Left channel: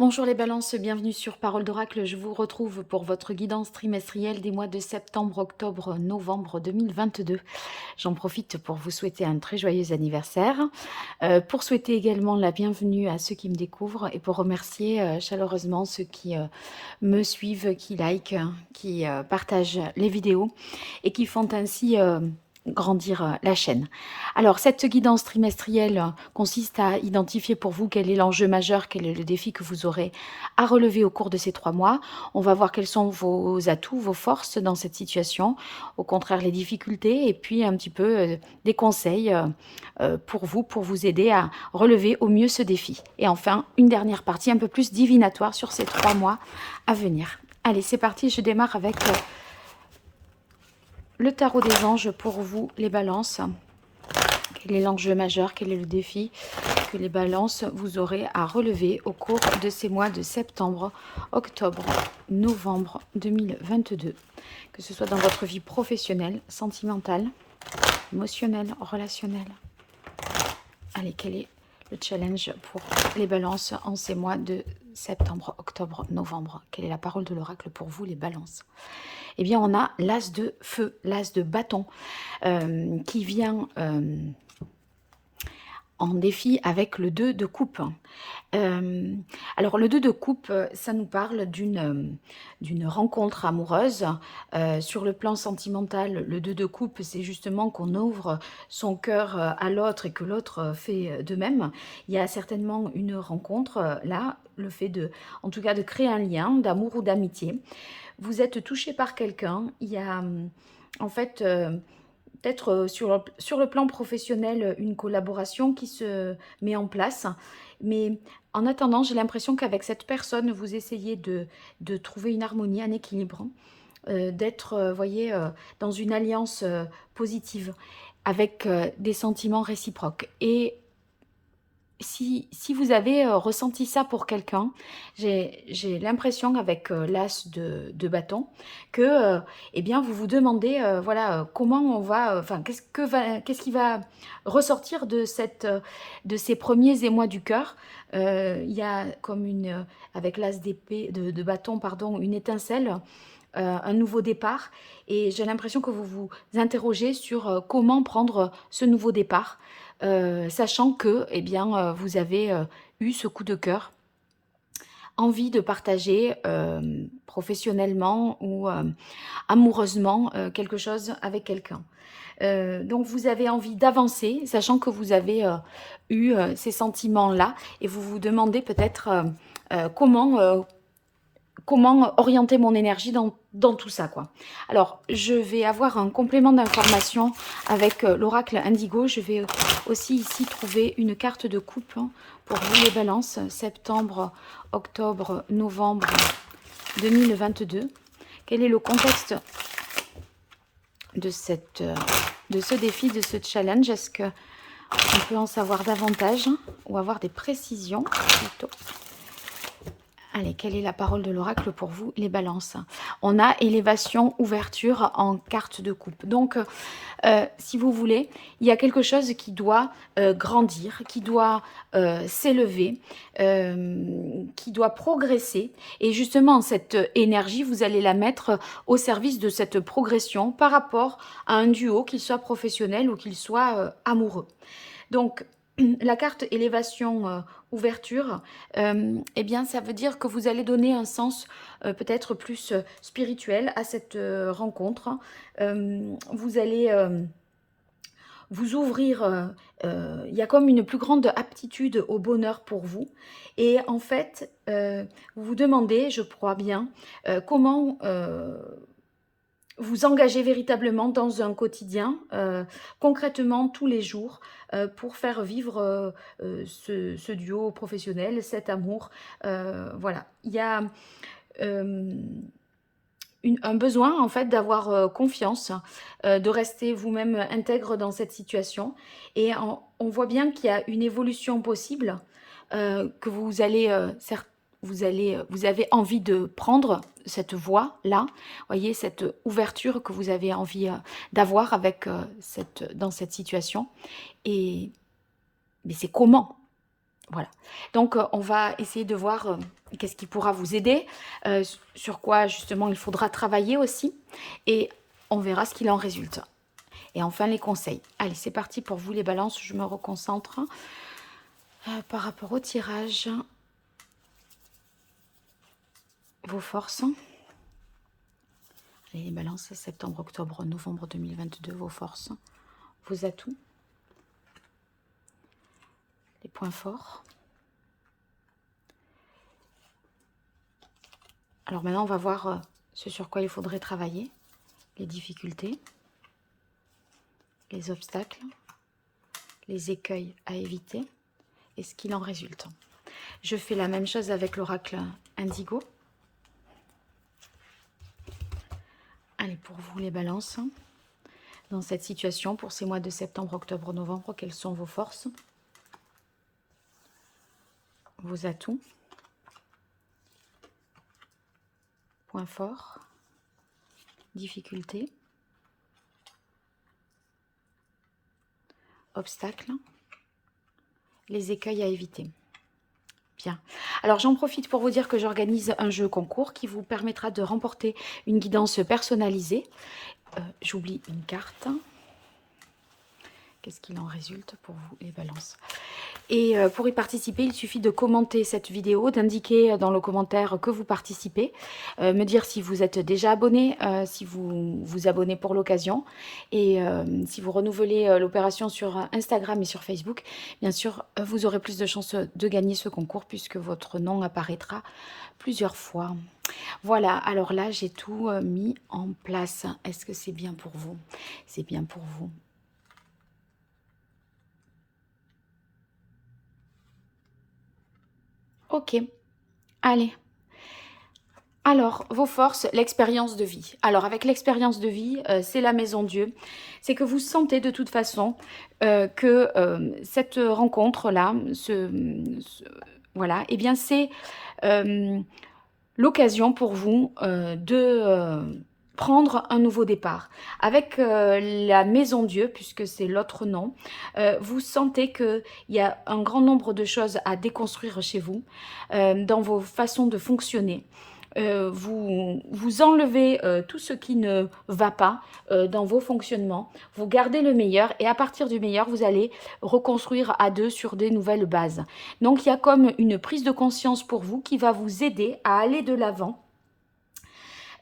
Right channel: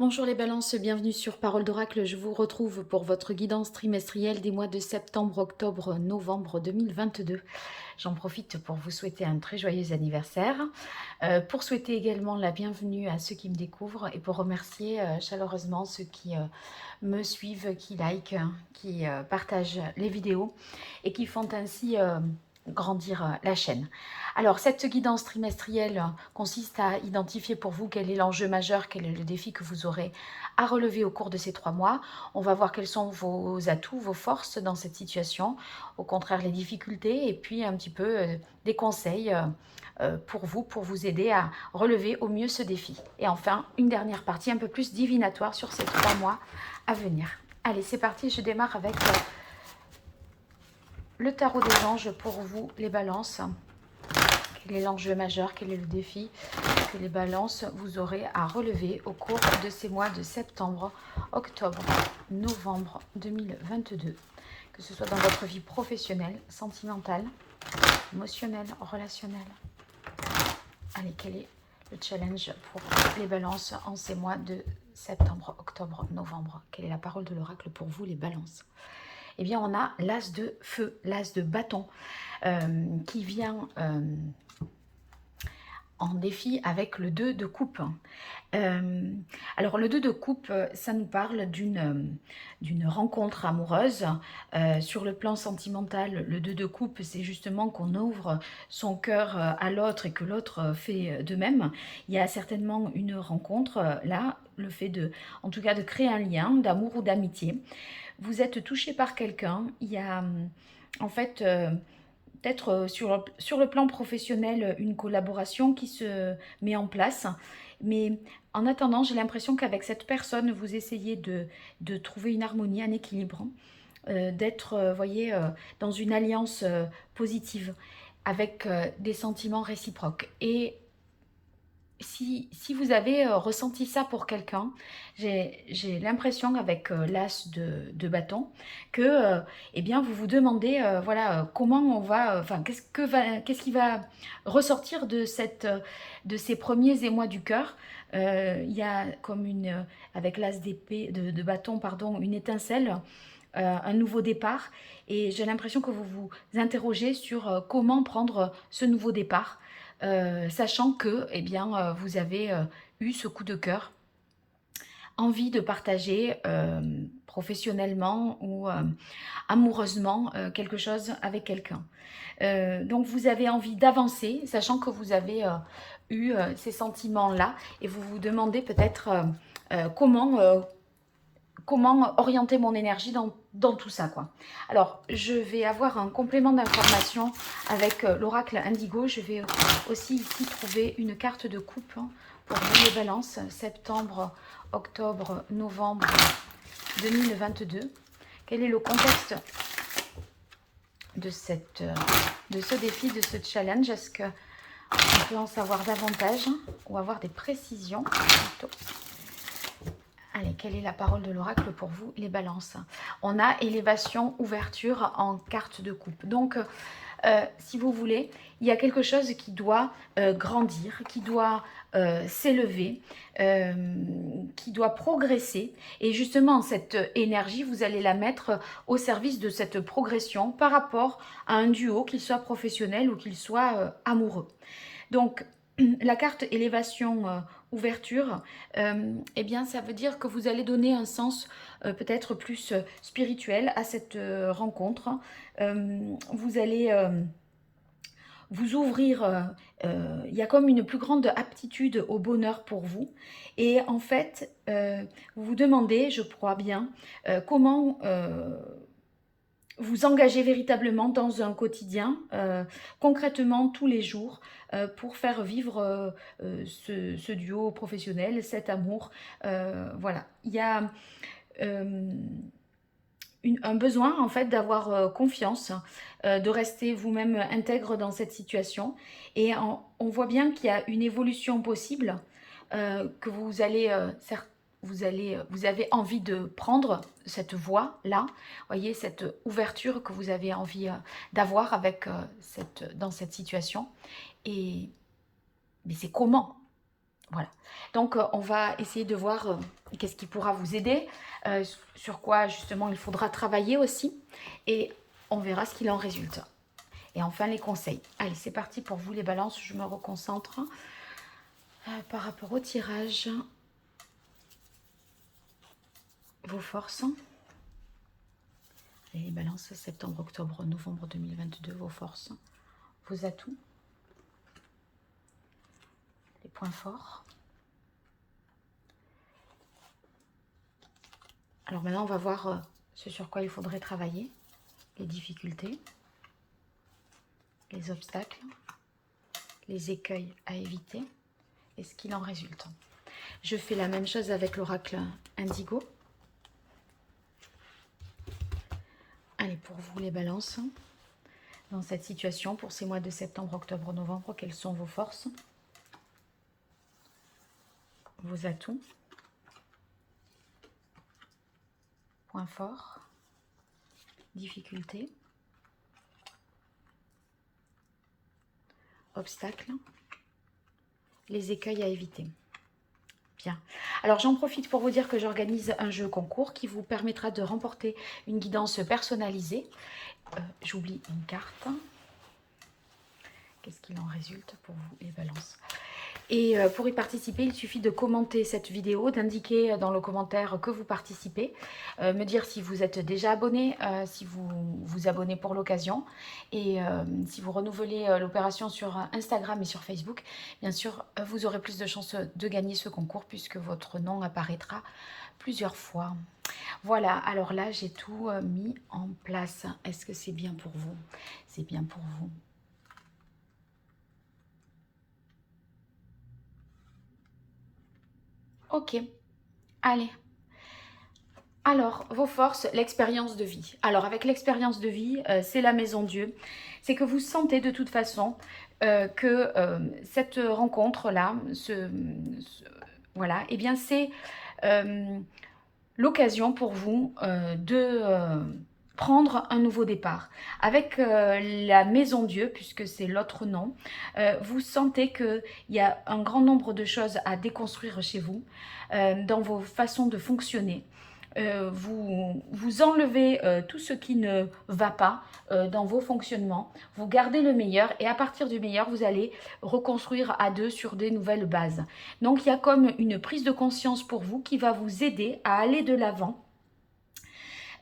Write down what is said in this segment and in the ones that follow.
Bonjour les balances, bienvenue sur Parole d'Oracle. Je vous retrouve pour votre guidance trimestrielle des mois de septembre, octobre, novembre 2022. J'en profite pour vous souhaiter un très joyeux anniversaire, pour souhaiter également la bienvenue à ceux qui me découvrent et pour remercier chaleureusement ceux qui me suivent, qui likent, qui partagent les vidéos et qui font ainsi grandir la chaîne. Alors, cette guidance trimestrielle consiste à identifier pour vous quel est l'enjeu majeur, quel est le défi que vous aurez à relever au cours de ces 3 mois. On va voir quels sont vos atouts, vos forces dans cette situation, au contraire les difficultés, et puis un petit peu des conseils pour vous aider à relever au mieux ce défi. Et enfin, une dernière partie un peu plus divinatoire sur ces 3 mois à venir. Allez, c'est parti, je démarre avec le tarot des anges pour vous, les balances. Quel est l'enjeu majeur, quel est le défi que les balances vous aurez à relever au cours de ces mois de septembre, octobre, novembre 2022, que ce soit dans votre vie professionnelle, sentimentale, émotionnelle, relationnelle. Allez, quel est le challenge pour les balances en ces mois de septembre, octobre, novembre? Quelle est la parole de l'oracle pour vous, les balances? Eh bien, on a l'as de feu, l'as de bâton, qui vient en défi avec le 2 de coupe. Alors, le 2 de coupe, ça nous parle d'une rencontre amoureuse. Sur le plan sentimental, le 2 de coupe, c'est justement qu'on ouvre son cœur à l'autre et que l'autre fait de même. Il y a certainement une rencontre là, le fait en tout cas, de créer un lien d'amour ou d'amitié. Vous êtes touché par quelqu'un, il y a en fait peut-être sur le plan professionnel une collaboration qui se met en place, mais en attendant j'ai l'impression qu'avec cette personne vous essayez de trouver une harmonie, un équilibre, d'être, voyez, dans une alliance positive avec des sentiments réciproques. Et si vous avez ressenti ça pour quelqu'un, j'ai l'impression avec l'as de bâton que eh bien, vous vous demandez voilà, comment on va, enfin, qu'est-ce qui va ressortir de ces premiers émois du cœur. Il y a comme avec l'as d'épée, de bâton, pardon, une étincelle, un nouveau départ. Et j'ai l'impression que vous vous interrogez sur comment prendre ce nouveau départ, sachant que eh bien, vous avez eu ce coup de cœur, envie de partager professionnellement ou amoureusement quelque chose avec quelqu'un. Donc vous avez envie d'avancer, sachant que vous avez eu ces sentiments-là, et vous vous demandez peut-être comment orienter mon énergie dans tout ça, quoi. Alors, je vais avoir un complément d'information avec l'oracle Indigo. Je vais aussi ici trouver une carte de coupe pour vous les balances, septembre, octobre, novembre 2022. Quel est le contexte de ce défi, de ce challenge? Est-ce qu'on peut en savoir davantage ou avoir des précisions plutôt? Allez, quelle est la parole de l'oracle pour vous, les balances? On a élévation, ouverture en carte de coupe. Donc, si vous voulez, il y a quelque chose qui doit grandir, qui doit s'élever, qui doit progresser. Et justement, cette énergie, vous allez la mettre au service de cette progression par rapport à un duo, qu'il soit professionnel ou qu'il soit amoureux. Donc, la carte élévation, ouverture, eh bien, ça veut dire que vous allez donner un sens peut-être plus spirituel à cette rencontre. Vous allez vous ouvrir, il y a comme une plus grande aptitude au bonheur pour vous. Et en fait, vous vous demandez, je crois bien, comment vous engagez véritablement dans un quotidien, concrètement tous les jours, pour faire vivre ce duo professionnel, cet amour. Voilà, il y a un besoin en fait d'avoir confiance, de rester vous-même intègre dans cette situation. Et on voit bien qu'il y a une évolution possible, que vous avez envie de prendre cette voie-là, voyez, cette ouverture que vous avez envie d'avoir avec dans cette situation. Et mais c'est comment? Voilà. Donc, on va essayer de voir qu'est-ce qui pourra vous aider, sur quoi justement il faudra travailler aussi, et on verra ce qu'il en résulte. Et enfin, les conseils. Allez, c'est parti pour vous les balances, je me reconcentre par rapport au tirage. Vos forces. Et les balances, septembre, octobre, novembre 2022, vos forces, vos atouts, les points forts. Alors maintenant, on va voir ce sur quoi il faudrait travailler, les difficultés, les obstacles, les écueils à éviter et ce qu'il en résulte. Je fais la même chose avec l'oracle Indigo. Allez, pour vous les balances, dans cette situation, pour ces mois de septembre, octobre, novembre, quelles sont vos forces, vos atouts, points forts, difficultés, obstacles, les écueils à éviter. Bien. Alors, j'en profite pour vous dire que j'organise un jeu concours qui vous permettra de remporter une guidance personnalisée. J'oublie une carte. Qu'est-ce qu'il en résulte pour vous, les balances? Et pour y participer, il suffit de commenter cette vidéo, d'indiquer dans le commentaire que vous participez, me dire si vous êtes déjà abonné, si vous vous abonnez pour l'occasion, et si vous renouvelez l'opération sur Instagram et sur Facebook, bien sûr, vous aurez plus de chances de gagner ce concours puisque votre nom apparaîtra plusieurs fois. Voilà, alors là, j'ai tout mis en place. Est-ce que c'est bien pour vous? C'est bien pour vous. Ok, allez. Alors, vos forces, l'expérience de vie. Alors, avec l'expérience de vie, c'est la maison Dieu. C'est que vous sentez de toute façon que cette rencontre-là, voilà, eh bien, c'est l'occasion pour vous de prendre un nouveau départ. Avec la maison Dieu, puisque c'est l'autre nom, vous sentez qu'il y a un grand nombre de choses à déconstruire chez vous, dans vos façons de fonctionner. Vous enlevez tout ce qui ne va pas dans vos fonctionnements, vous gardez le meilleur et à partir du meilleur, vous allez reconstruire à deux sur des nouvelles bases. Donc il y a comme une prise de conscience pour vous qui va vous aider à aller de l'avant.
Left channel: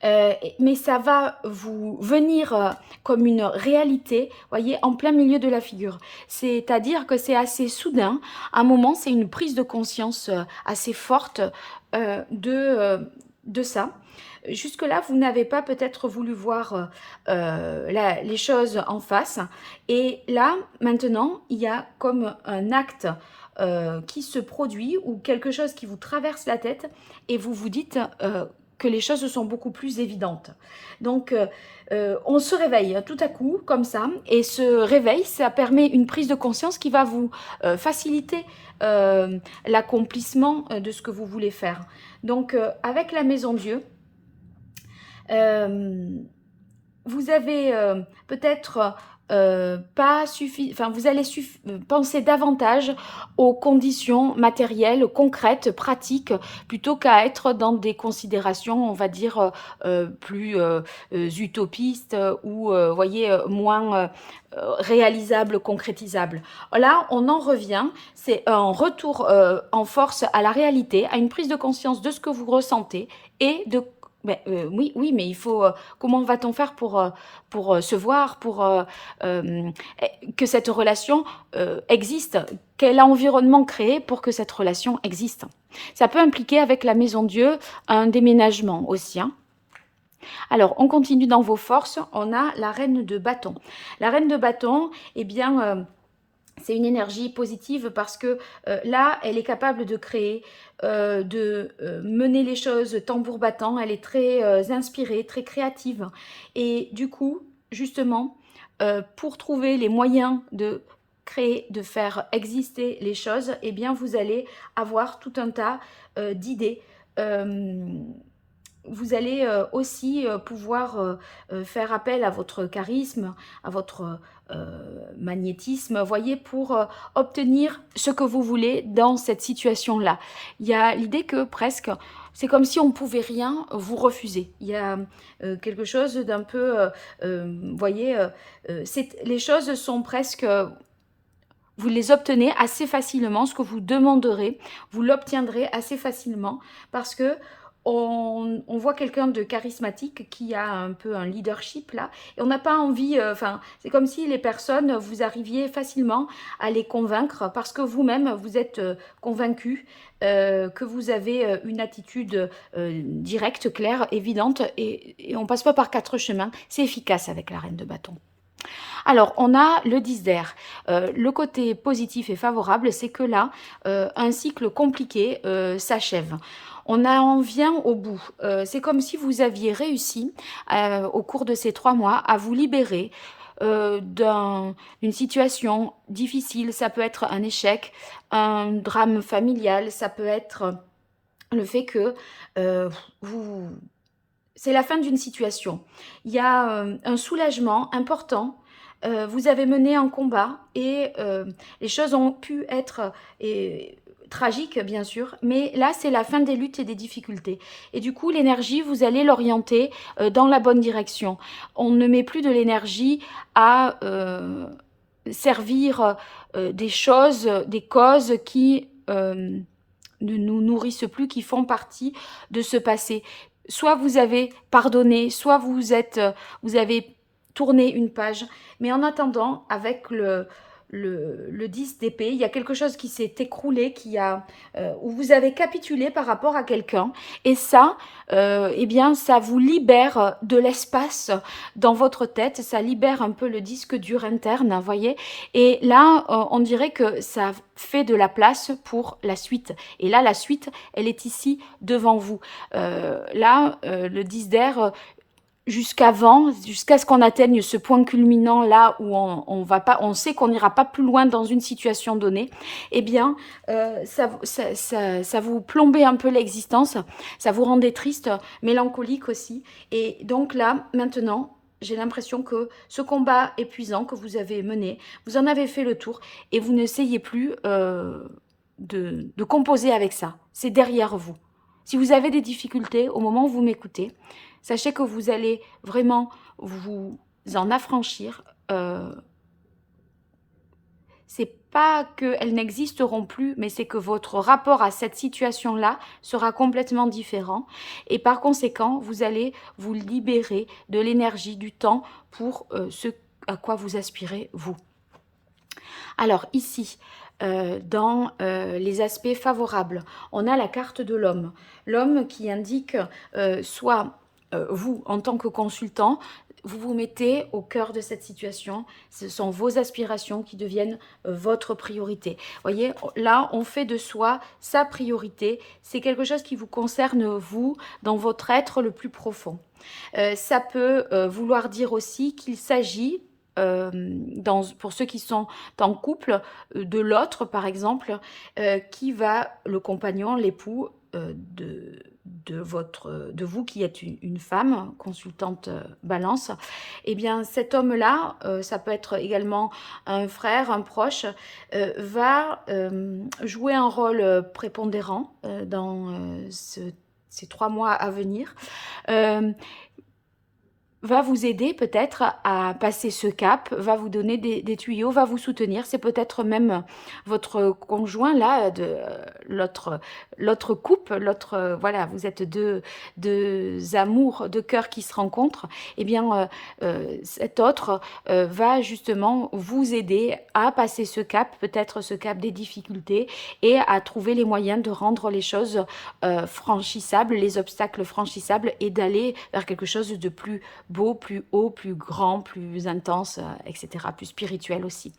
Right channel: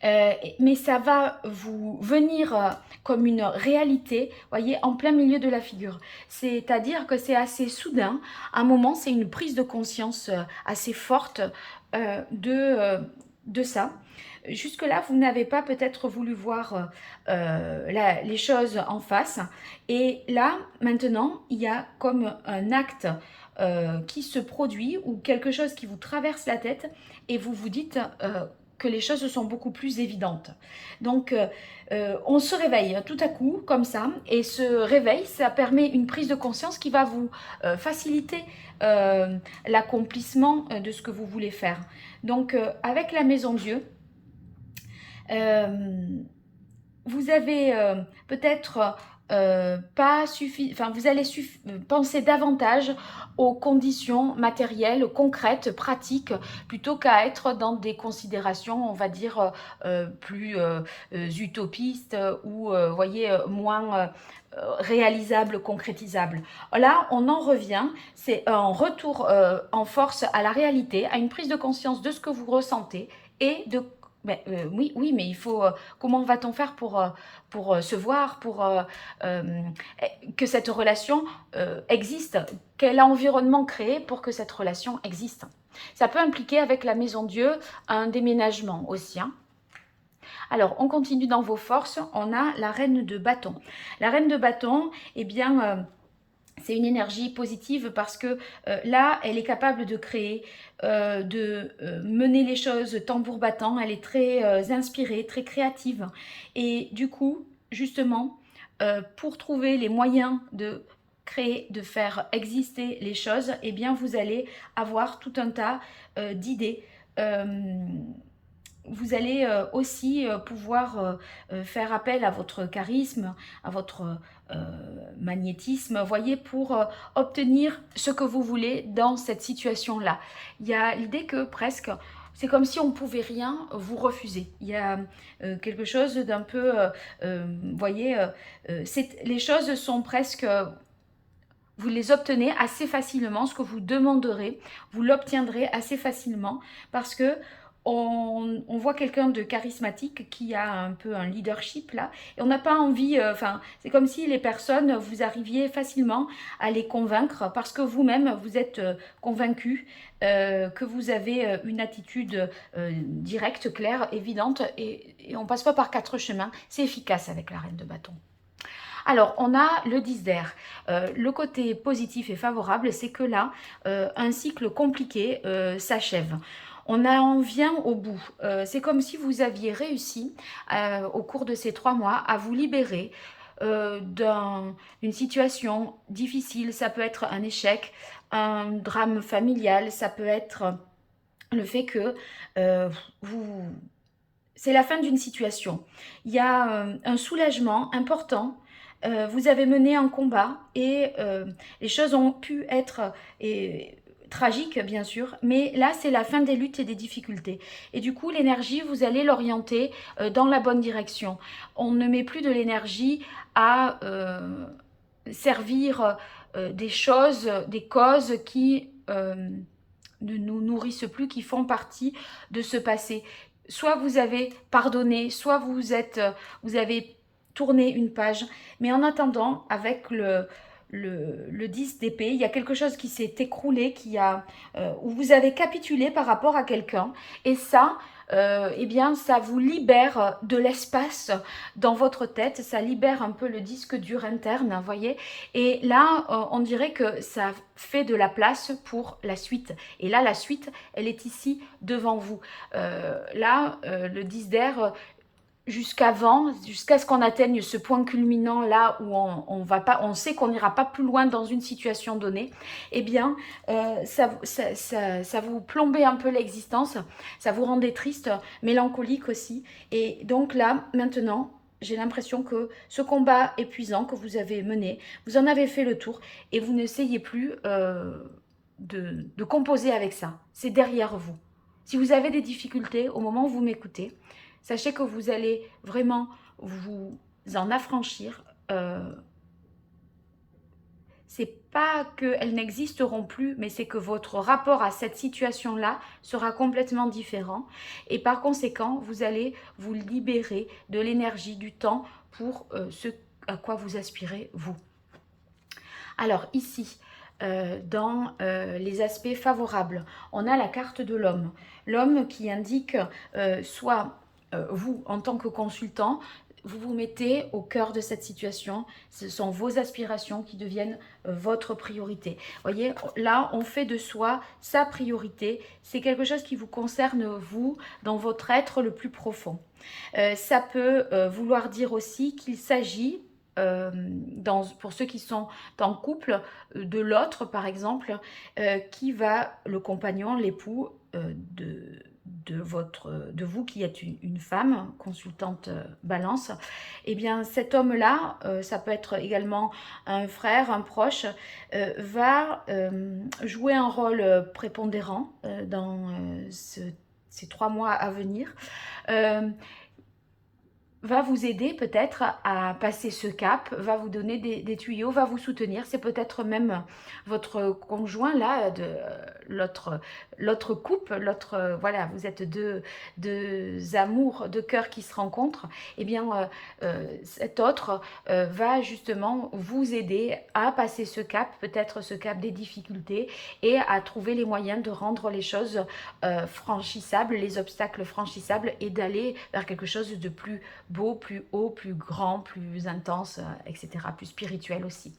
Mais ça va vous venir comme une réalité, voyez, en plein milieu de la figure. C'est-à-dire que c'est assez soudain. À un moment, c'est une prise de conscience assez forte de ça. Jusque-là, vous n'avez pas peut-être voulu voir les choses en face. Et là, maintenant, il y a comme un acte qui se produit ou quelque chose qui vous traverse la tête et vous vous dites que les choses sont beaucoup plus évidentes. Donc, on se réveille tout à coup, comme ça, et ce réveil, ça permet une prise de conscience qui va vous faciliter l'accomplissement de ce que vous voulez faire. Donc, avec la Maison Dieu, vous avez peut-être pas suffi, enfin vous allez penser davantage aux conditions matérielles, concrètes, pratiques, plutôt qu'à être dans des considérations, on va dire, plus utopistes ou, voyez, moins réalisables, concrétisables. Là, on en revient, c'est un retour en force à la réalité, à une prise de conscience de ce que vous ressentez et de ben, oui, oui, mais il faut. Comment va-t-on faire pour se voir, pour que cette relation existe? Quel environnement créer pour que cette relation existe? Ça peut impliquer avec la Maison Dieu un déménagement aussi. Hein. Alors, on continue dans vos forces. On a la reine de bâton. La reine de bâton, eh bien. C'est une énergie positive parce que là, elle est capable de créer, de mener les choses tambour battant. Elle est très inspirée, très créative. Et du coup, justement, pour trouver les moyens de créer, de faire exister les choses, eh bien, vous allez avoir tout un tas d'idées. vous allez aussi pouvoir faire appel à votre charisme, à votre magnétisme, voyez, pour obtenir ce que vous voulez dans cette situation-là. Il y a l'idée que presque, c'est comme si on ne pouvait rien vous refuser. Il y a quelque chose d'un peu, voyez, les choses sont presque, vous les obtenez assez facilement, ce que vous demanderez, vous l'obtiendrez assez facilement parce que on voit quelqu'un de charismatique qui a un peu un leadership là, et on n'a pas envie, enfin, c'est comme si les personnes, vous arriviez facilement à les convaincre parce que vous-même, vous êtes convaincu, que vous avez une attitude directe, claire, évidente, et on passe pas par quatre chemins, c'est efficace avec la reine de bâton. Alors, on a le 10 d'air. Le côté positif et favorable, c'est que là, un cycle compliqué s'achève. On en vient au bout. C'est comme si vous aviez réussi, au cours de ces 3 mois, à vous libérer d'une situation difficile. Ça peut être un échec, un drame familial, ça peut être le fait que euh, vous... c'est la fin d'une situation. Il y a un soulagement important. Vous avez mené un combat et les choses ont pu être tragiques, bien sûr, mais là, c'est la fin des luttes et des difficultés. Et du coup, l'énergie, vous allez l'orienter dans la bonne direction. On ne met plus de l'énergie à servir des choses, des causes qui ne nous nourrissent plus, qui font partie de ce passé. Soit vous avez pardonné, soit vous avez tourné une page. Mais en attendant, avec le 10 d'épée, il y a quelque chose qui s'est écroulé, où vous avez capitulé par rapport à quelqu'un. Et ça, eh bien, ça vous libère de l'espace dans votre tête, ça libère un peu le disque dur interne, vous voyez. Et là, on dirait que ça fait de la place pour la suite. Et là, la suite, elle est ici devant vous. Le 10 d'air, jusqu'à ce qu'on atteigne ce point culminant là où on va pas, on sait qu'on n'ira pas plus loin dans une situation donnée, eh bien, ça vous plombait un peu l'existence, ça vous rendait triste, mélancolique aussi. Et donc là, maintenant, j'ai l'impression que ce combat épuisant que vous avez mené, vous en avez fait le tour et vous n'essayez plus de composer avec ça. C'est derrière vous. Si vous avez des difficultés au moment où vous m'écoutez, sachez que vous allez vraiment vous en affranchir. C'est pas qu'elles n'existeront plus, mais c'est que votre rapport à cette situation-là sera complètement différent. Et par conséquent, vous allez vous libérer de l'énergie, du temps pour ce à quoi vous aspirez, vous. Alors ici, dans les aspects favorables, on a la carte de l'homme. L'homme qui indique soit vous, en tant que consultant, vous vous mettez au cœur de cette situation. Ce sont vos aspirations qui deviennent votre priorité. Vous voyez, là, on fait de soi sa priorité. C'est quelque chose qui vous concerne, vous, dans votre être le plus profond. Ça peut vouloir dire aussi qu'il s'agit pour ceux qui sont en couple, de l'autre par exemple, qui va, le compagnon, l'époux de vous qui êtes une femme consultante balance, et bien cet homme-là, ça peut être également un frère, un proche, va jouer un rôle prépondérant dans ces 3 mois à venir. Euh, va vous aider peut-être à passer ce cap, va vous donner des tuyaux, va vous soutenir. C'est peut-être même votre conjoint là, de l'autre couple, voilà, vous êtes deux amours, deux cœurs qui se rencontrent. Eh bien, cet autre va justement vous aider à passer ce cap, peut-être ce cap des difficultés, et à trouver les moyens de rendre les choses franchissables, les obstacles franchissables, et d'aller vers quelque chose de plus beau, plus haut, plus grand, plus intense, etc., plus spirituel aussi.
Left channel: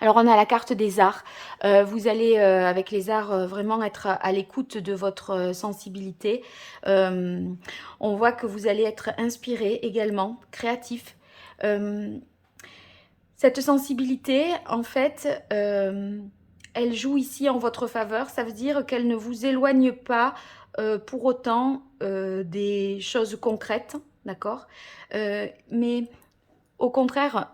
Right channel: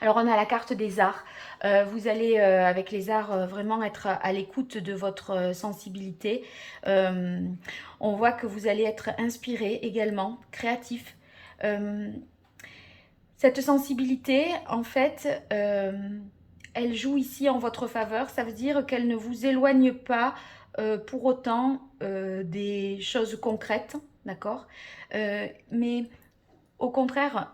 Alors on a la carte des arts. Vous allez avec les arts vraiment être à l'écoute de votre sensibilité. On voit que vous allez être inspiré également, créatif. Cette sensibilité, en fait, elle joue ici en votre faveur. Ça veut dire qu'elle ne vous éloigne pas pour autant des choses concrètes, d'accord? Mais au contraire,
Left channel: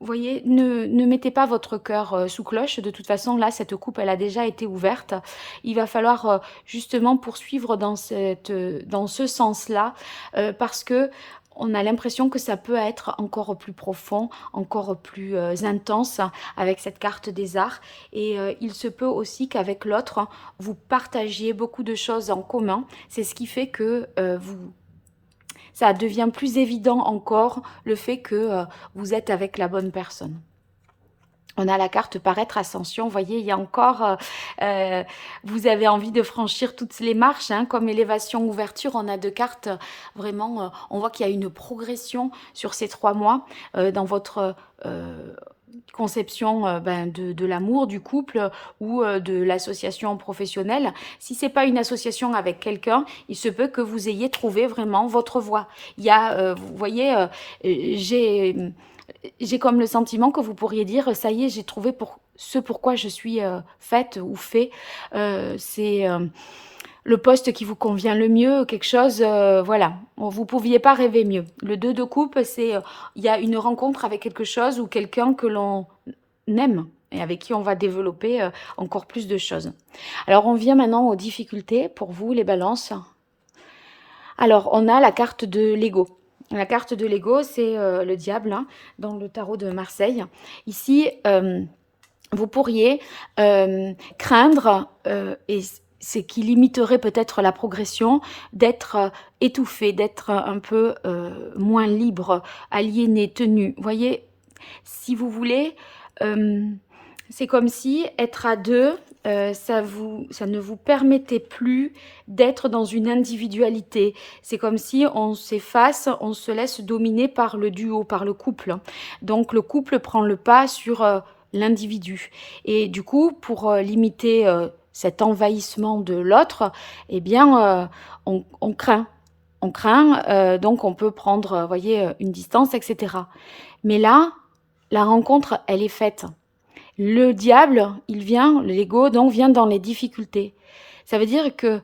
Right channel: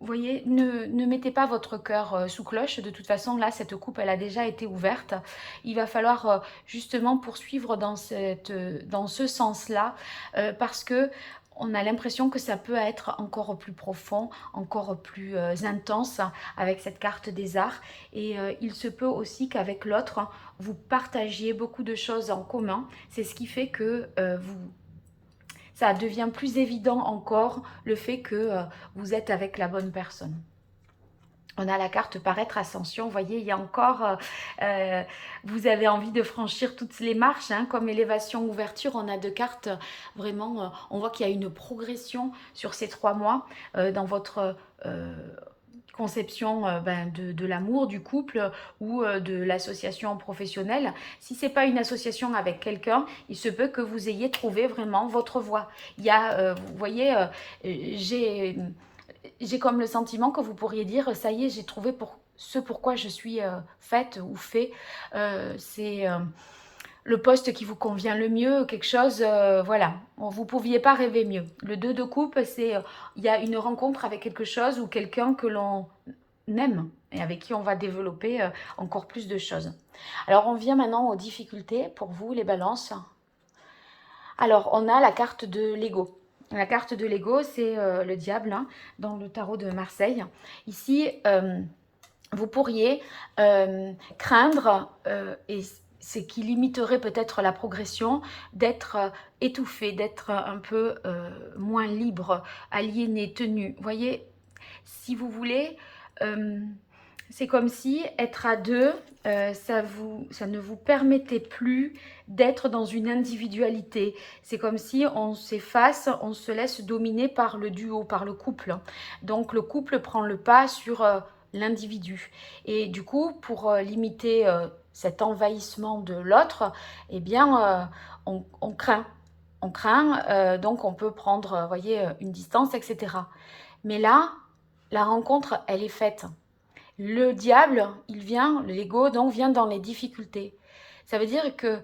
vous voyez, ne mettez pas votre cœur sous cloche. De toute façon, là, cette coupe, elle a déjà été ouverte. Il va falloir justement poursuivre dans ce sens-là, parce que on a l'impression que ça peut être encore plus profond, encore plus intense avec cette carte des arts. Et il se peut aussi qu'avec l'autre, hein, vous partagiez beaucoup de choses en commun. C'est ce qui fait que ça devient plus évident encore le fait que vous êtes avec la bonne personne. On a la carte paraître ascension, vous voyez, il y a encore, vous avez envie de franchir toutes les marches, hein, comme élévation, ouverture, on a deux cartes, vraiment, on voit qu'il y a une progression sur ces 3 mois dans votre conception de l'amour, du couple ou de l'association professionnelle. Si c'est pas une association avec quelqu'un, il se peut que vous ayez trouvé vraiment votre voie. Il y a, vous voyez, j'ai comme le sentiment que vous pourriez dire, ça y est, j'ai trouvé pour ce pourquoi je suis faite ou fait. C'est le poste qui vous convient le mieux, quelque chose, voilà, vous ne pouviez pas rêver mieux. Le 2 de coupe, c'est, il y a une rencontre avec quelque chose ou quelqu'un que l'on aime et avec qui on va développer encore plus de choses. Alors, on vient maintenant aux difficultés pour vous, les balances. Alors, on a la carte de l'ego. La carte de l'ego, c'est le diable hein, dans le tarot de Marseille. Ici, vous pourriez craindre, et c'est qui limiterait peut-être la progression, d'être étouffé, d'être un peu moins libre, aliéné, tenu. Vous voyez, si vous voulez, c'est comme si être à deux, ça ne vous permettait plus d'être dans une individualité. C'est comme si on s'efface, on se laisse dominer par le duo, par le couple. Donc le couple prend le pas sur l'individu. Et du coup, pour limiter cet envahissement de l'autre, eh bien, on craint. On craint, donc on peut prendre, voyez, une distance, etc. Mais là, la rencontre, elle est faite. Le diable, il vient, l'ego, donc vient dans les difficultés. Ça veut dire que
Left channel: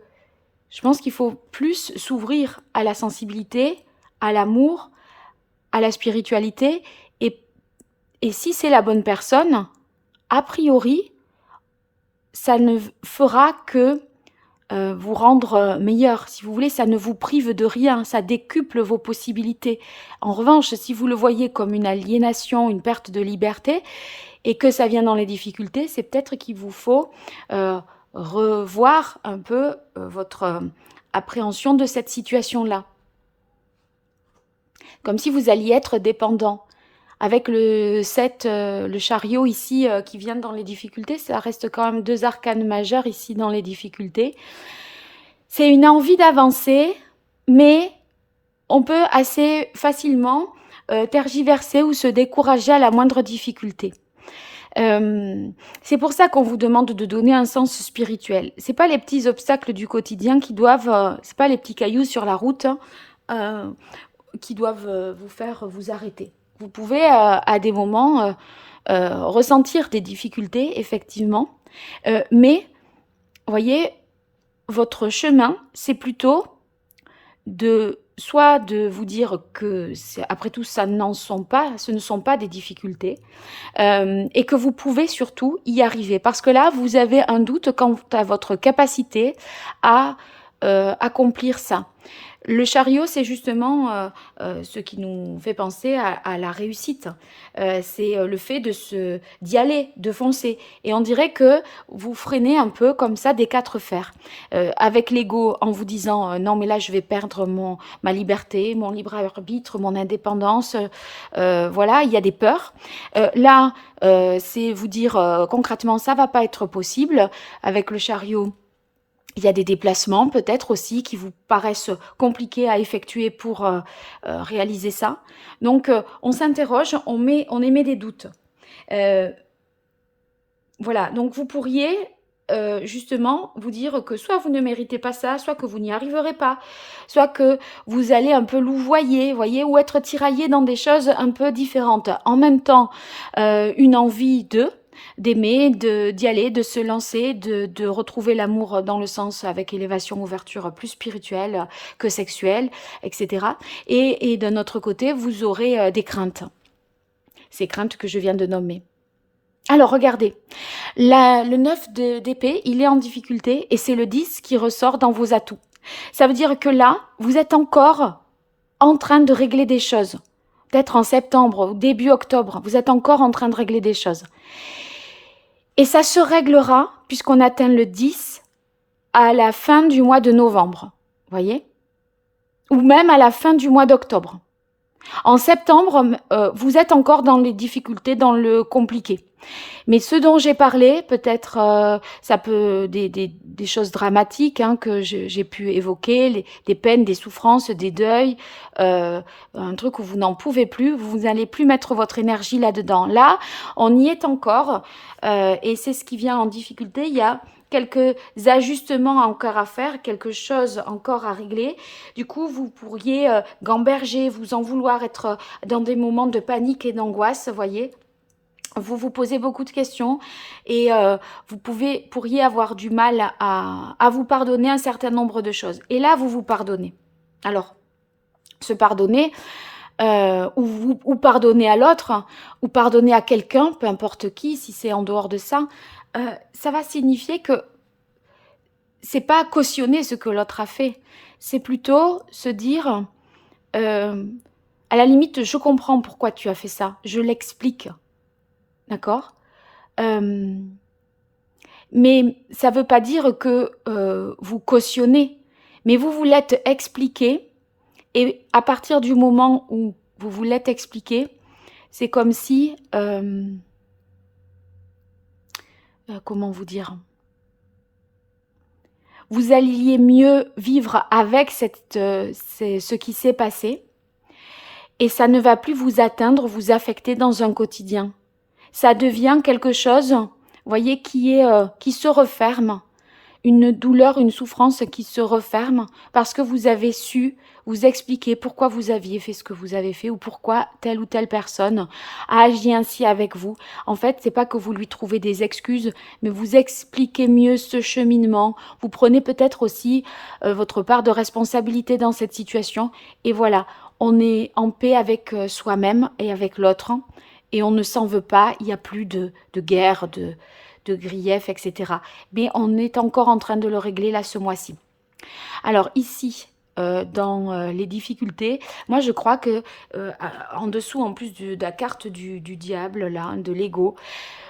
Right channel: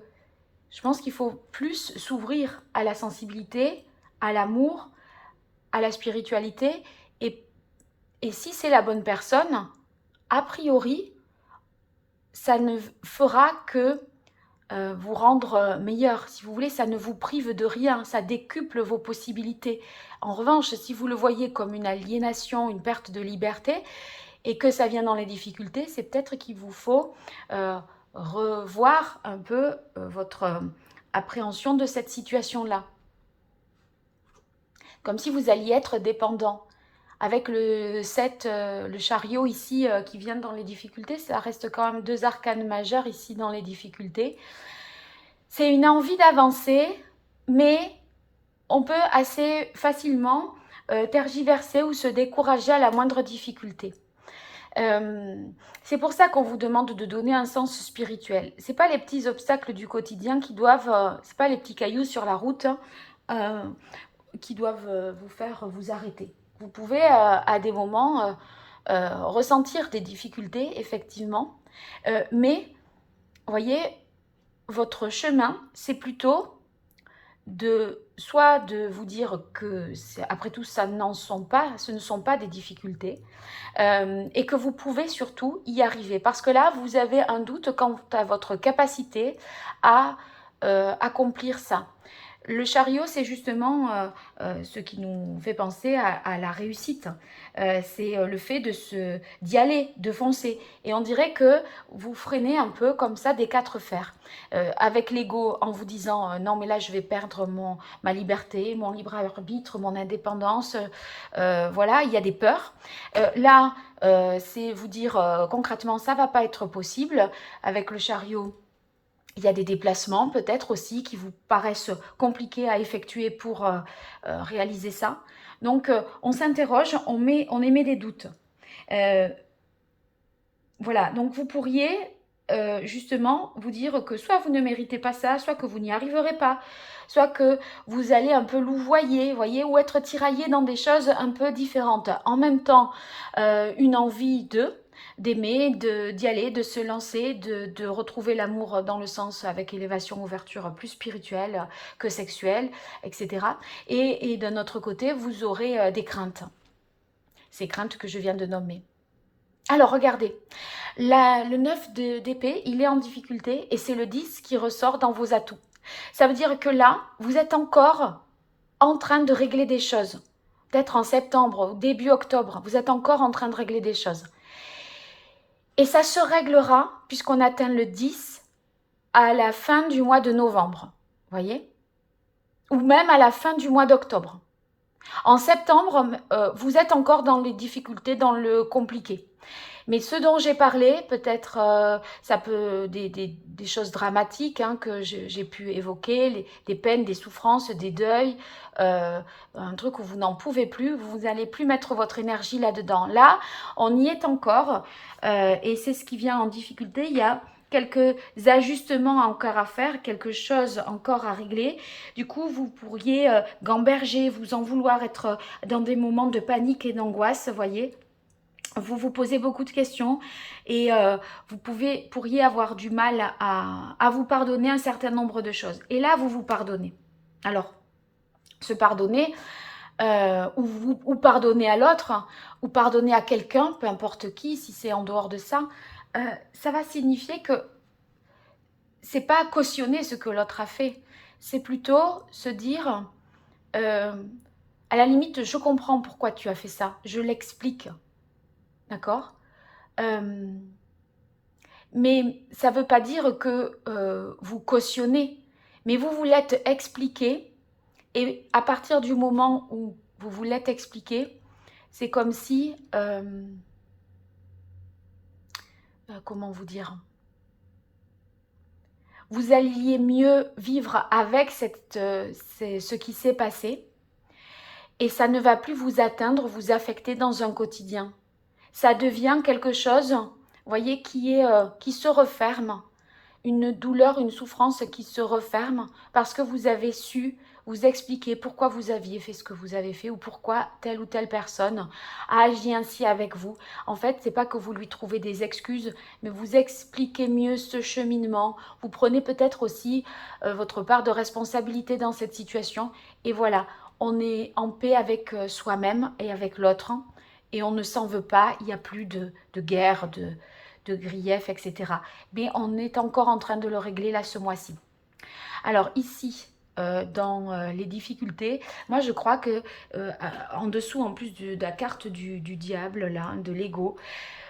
je pense qu'il faut plus s'ouvrir à la sensibilité, à l'amour, à la spiritualité. Et si c'est la bonne personne, a priori, ça ne fera que vous rendre meilleur. Si vous voulez, ça ne vous prive de rien, ça décuple vos possibilités. En revanche, si vous le voyez comme une aliénation, une perte de liberté, et que ça vient dans les difficultés, c'est peut-être qu'il vous faut revoir un peu votre appréhension de cette situation-là. Comme si vous alliez être dépendant. Avec le 7, le chariot ici qui vient dans les difficultés, ça reste quand même 2 arcanes majeures ici dans les difficultés. C'est une envie d'avancer, mais on peut assez facilement tergiverser ou se décourager à la moindre difficulté. C'est pour ça qu'on vous demande de donner un sens spirituel. C'est pas les petits obstacles du quotidien qui doivent, c'est pas les petits cailloux sur la route qui doivent vous faire vous arrêter. Vous pouvez à des moments ressentir des difficultés, effectivement, mais voyez, votre chemin, c'est plutôt soit de vous dire que après tout ce ne sont pas des difficultés et que vous pouvez surtout y arriver parce que là vous avez un doute quant à votre capacité à accomplir ça. Le chariot, c'est justement ce qui nous fait penser à la réussite. C'est le fait d'y aller, de foncer. Et on dirait que vous freinez un peu comme ça des 4 fers. Avec l'ego, en vous disant non, mais là, je vais perdre ma liberté, mon libre arbitre, mon indépendance. Voilà, il y a des peurs. Là, c'est vous dire concrètement, ça va pas être possible. Avec le chariot, il y a des déplacements peut-être aussi qui vous paraissent compliqués à effectuer pour réaliser ça. Donc, on s'interroge, on émet des doutes. Voilà, donc vous pourriez justement vous dire que soit vous ne méritez pas ça, soit que vous n'y arriverez pas, soit que vous allez un peu louvoyer, voyez, ou être tiraillé dans des choses un peu différentes. En même temps, une envie de... d'aimer, d'y aller, de se lancer, de retrouver l'amour dans le sens avec élévation, ouverture plus spirituelle que sexuelle, etc. Et d'un autre côté, vous aurez des craintes. Ces craintes que je viens de nommer. Alors, regardez, le 9 d'épée, il est en difficulté et c'est le 10 qui ressort dans vos atouts. Ça veut dire que là, vous êtes encore en train de régler des choses. Peut-être en septembre ou début octobre, vous êtes encore en train de régler des choses. Et ça se réglera, puisqu'on atteint le 10, à la fin du mois de novembre. Voyez? Ou même à la fin du mois d'octobre. En septembre, vous êtes encore dans les difficultés, dans le compliqué. Mais ce dont j'ai parlé, peut-être ça peut des choses dramatiques hein, que j'ai pu évoquer, des peines, des souffrances, des deuils, un truc où vous n'en pouvez plus, vous n'allez plus mettre votre énergie là-dedans. Là, on y est encore et c'est ce qui vient en difficulté. Il y a quelques ajustements encore à faire, quelque chose encore à régler. Du coup, vous pourriez gamberger, vous en vouloir, être dans des moments de panique et d'angoisse, voyez. Vous vous posez beaucoup de questions et vous pourriez avoir du mal à vous pardonner un certain nombre de choses. Et là, vous vous pardonnez. Alors, se pardonner, ou pardonner à l'autre, ou pardonner à quelqu'un, peu importe qui, si c'est en dehors de ça, ça va signifier que c'est pas cautionner ce que l'autre a fait. C'est plutôt se dire, à la limite, je comprends pourquoi tu as fait ça, je l'explique. D'accord? Mais ça ne veut pas dire que vous cautionnez, mais vous vous l'êtes expliqué, et à partir du moment où vous vous l'êtes expliqué, c'est comme si, comment vous dire, vous alliez mieux vivre avec ce qui s'est passé, et ça ne va plus vous atteindre, vous affecter dans un quotidien. Ça devient quelque chose, vous voyez, qui se referme, une douleur, une souffrance qui se referme parce que vous avez su vous expliquer pourquoi vous aviez fait ce que vous avez fait ou pourquoi telle ou telle personne a agi ainsi avec vous. En fait, c'est pas que vous lui trouvez des excuses, mais vous expliquez mieux ce cheminement. Vous prenez peut-être aussi votre part de responsabilité dans cette situation. Et voilà, on est en paix avec soi-même et avec l'autre. Et on ne s'en veut pas, il n'y a plus de guerre, de grief, etc. Mais on est encore en train de le régler là ce mois-ci. Alors ici, dans les difficultés, moi je crois que en dessous, en plus de la carte du diable, là, de l'ego,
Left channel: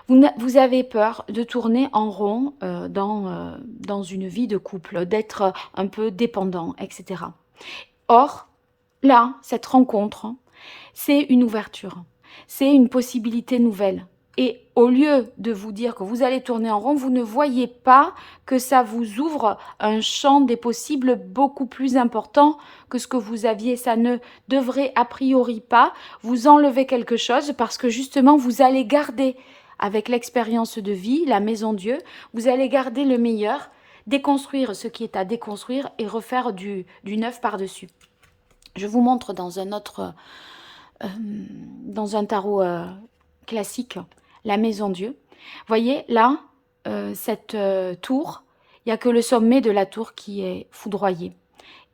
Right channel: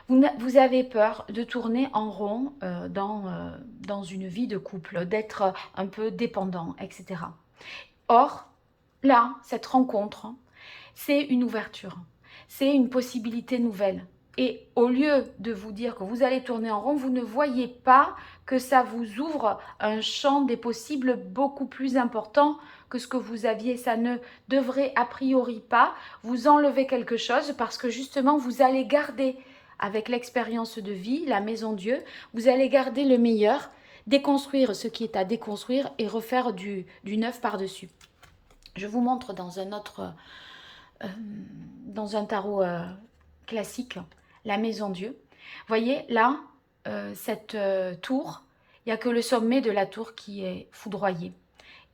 vous avez peur de tourner en rond dans une vie de couple, d'être un peu dépendant, etc. Or, là, cette rencontre, c'est une ouverture, c'est une possibilité nouvelle. Et au lieu de vous dire que vous allez tourner en rond, vous ne voyez pas que ça vous ouvre un champ des possibles beaucoup plus important que ce que vous aviez. Ça ne devrait a priori pas vous enlever quelque chose parce que justement vous allez garder avec l'expérience de vie, la maison Dieu, vous allez garder le meilleur, déconstruire ce qui est à déconstruire et refaire du neuf par-dessus. Je vous montre dans un tarot classique, la maison Dieu. Voyez, là, cette tour, il n'y a que le sommet de la tour qui est foudroyé.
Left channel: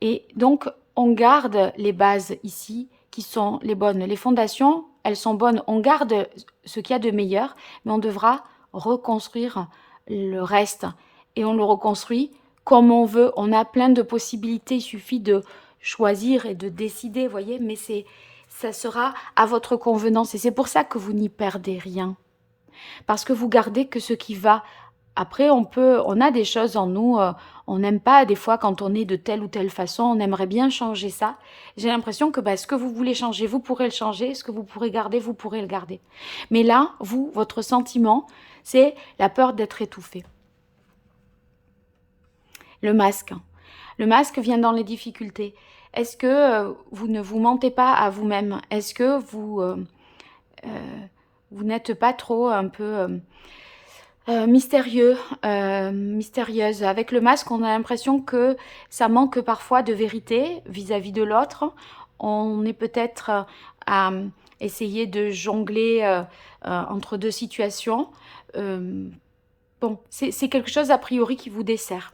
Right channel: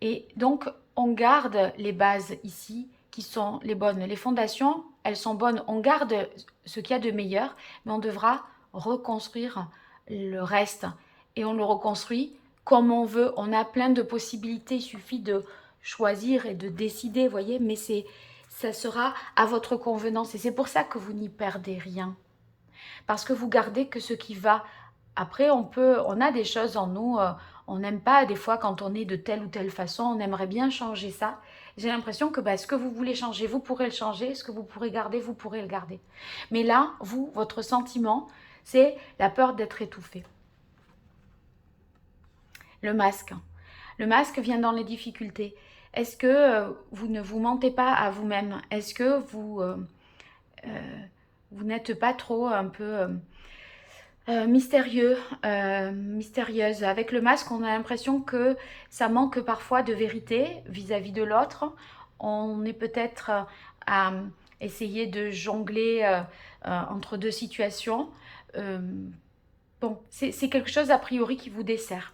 Et donc, on garde les bases ici qui sont les bonnes. Les fondations, elles sont bonnes. On garde ce qu'il y a de meilleur, mais on devra reconstruire le reste. Et on le reconstruit comme on veut. On a plein de possibilités. Il suffit de choisir et de décider, voyez, mais ça sera à votre convenance. Et c'est pour ça que vous n'y perdez rien. Parce que vous gardez que ce qui va. Après, on a des choses en nous, on n'aime pas des fois quand on est de telle ou telle façon, on aimerait bien changer ça. J'ai l'impression que ce que vous voulez changer, vous pourrez le changer, ce que vous pourrez garder, vous pourrez le garder. Mais là, votre sentiment, c'est la peur d'être étouffé. Le masque. Le masque vient dans les difficultés. Est-ce que vous ne vous mentez pas à vous-même? Est-ce que vous n'êtes pas trop un peu mystérieux, mystérieuse? Avec le masque, on a l'impression que ça manque parfois de vérité vis-à-vis de l'autre. On est peut-être à essayer de jongler entre deux situations. bon, c'est quelque chose a priori qui vous dessert.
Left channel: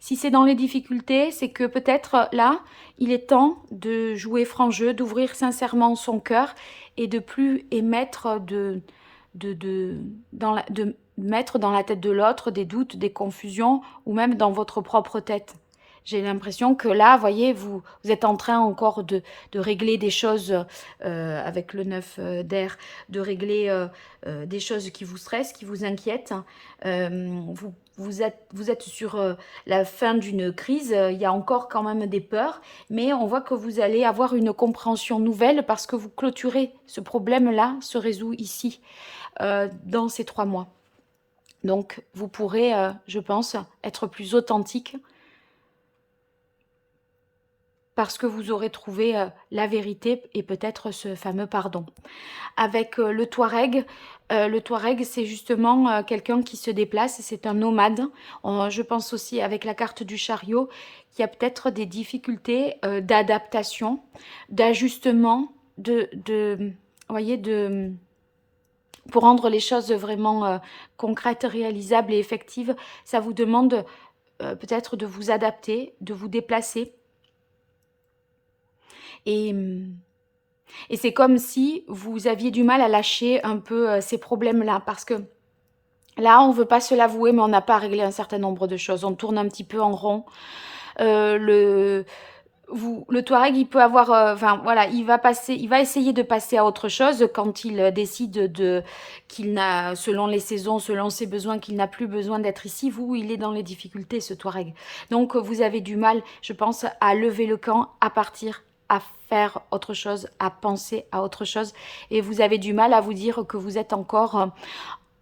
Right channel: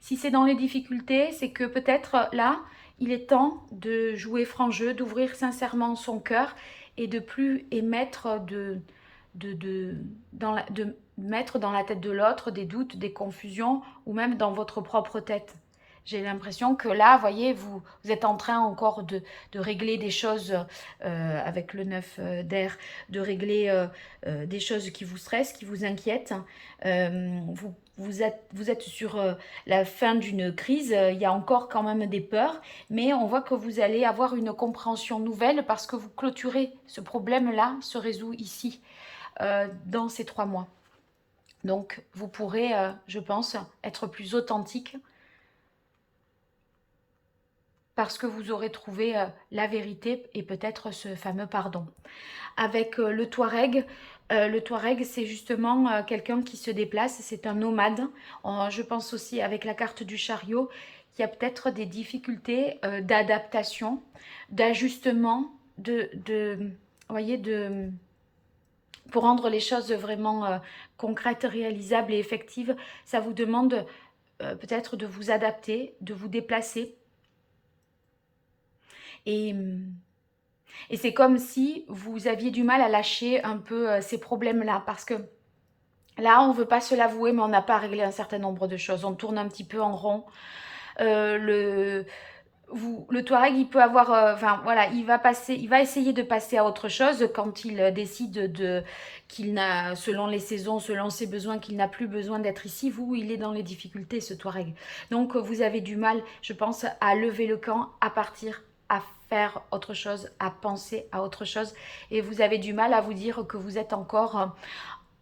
Si c'est dans les difficultés, c'est que peut-être là, il est temps de jouer franc jeu, d'ouvrir sincèrement son cœur et de plus émettre de mettre dans la tête de l'autre des doutes, des confusions ou même dans votre propre tête. J'ai l'impression que là, vous voyez, vous êtes en train encore de régler des choses avec le 9 d'air, de régler des choses qui vous stressent, qui vous inquiètent. Vous êtes sur la fin d'une crise, il y a encore quand même des peurs, mais on voit que vous allez avoir une compréhension nouvelle parce que vous clôturez ce problème-là, se résout ici, dans ces 3 mois. Donc, vous pourrez, je pense, être plus authentique parce que vous aurez trouvé la vérité et peut-être ce fameux pardon. Avec le Touareg, c'est justement quelqu'un qui se déplace, c'est un nomade. Je pense aussi avec la carte du chariot qu'il y a peut-être des difficultés d'adaptation, d'ajustement, vous voyez, pour rendre les choses vraiment concrètes, réalisables et effectives. Ça vous demande peut-être de vous adapter, de vous déplacer. Et c'est comme si vous aviez du mal à lâcher un peu ces problèmes-là, parce que là, on ne veut pas se l'avouer, mais on n'a pas réglé un certain nombre de choses. On tourne un petit peu en rond. Le Touareg, il peut avoir, enfin voilà, il va essayer de passer à autre chose quand il décide qu'il n'a, selon les saisons, selon ses besoins, qu'il n'a plus besoin d'être ici. Vous, il est dans les difficultés, ce Touareg. Donc, vous avez du mal, je pense, à lever le camp, à partir, à faire autre chose, à penser à autre chose. Et vous avez du mal à vous dire que vous êtes encore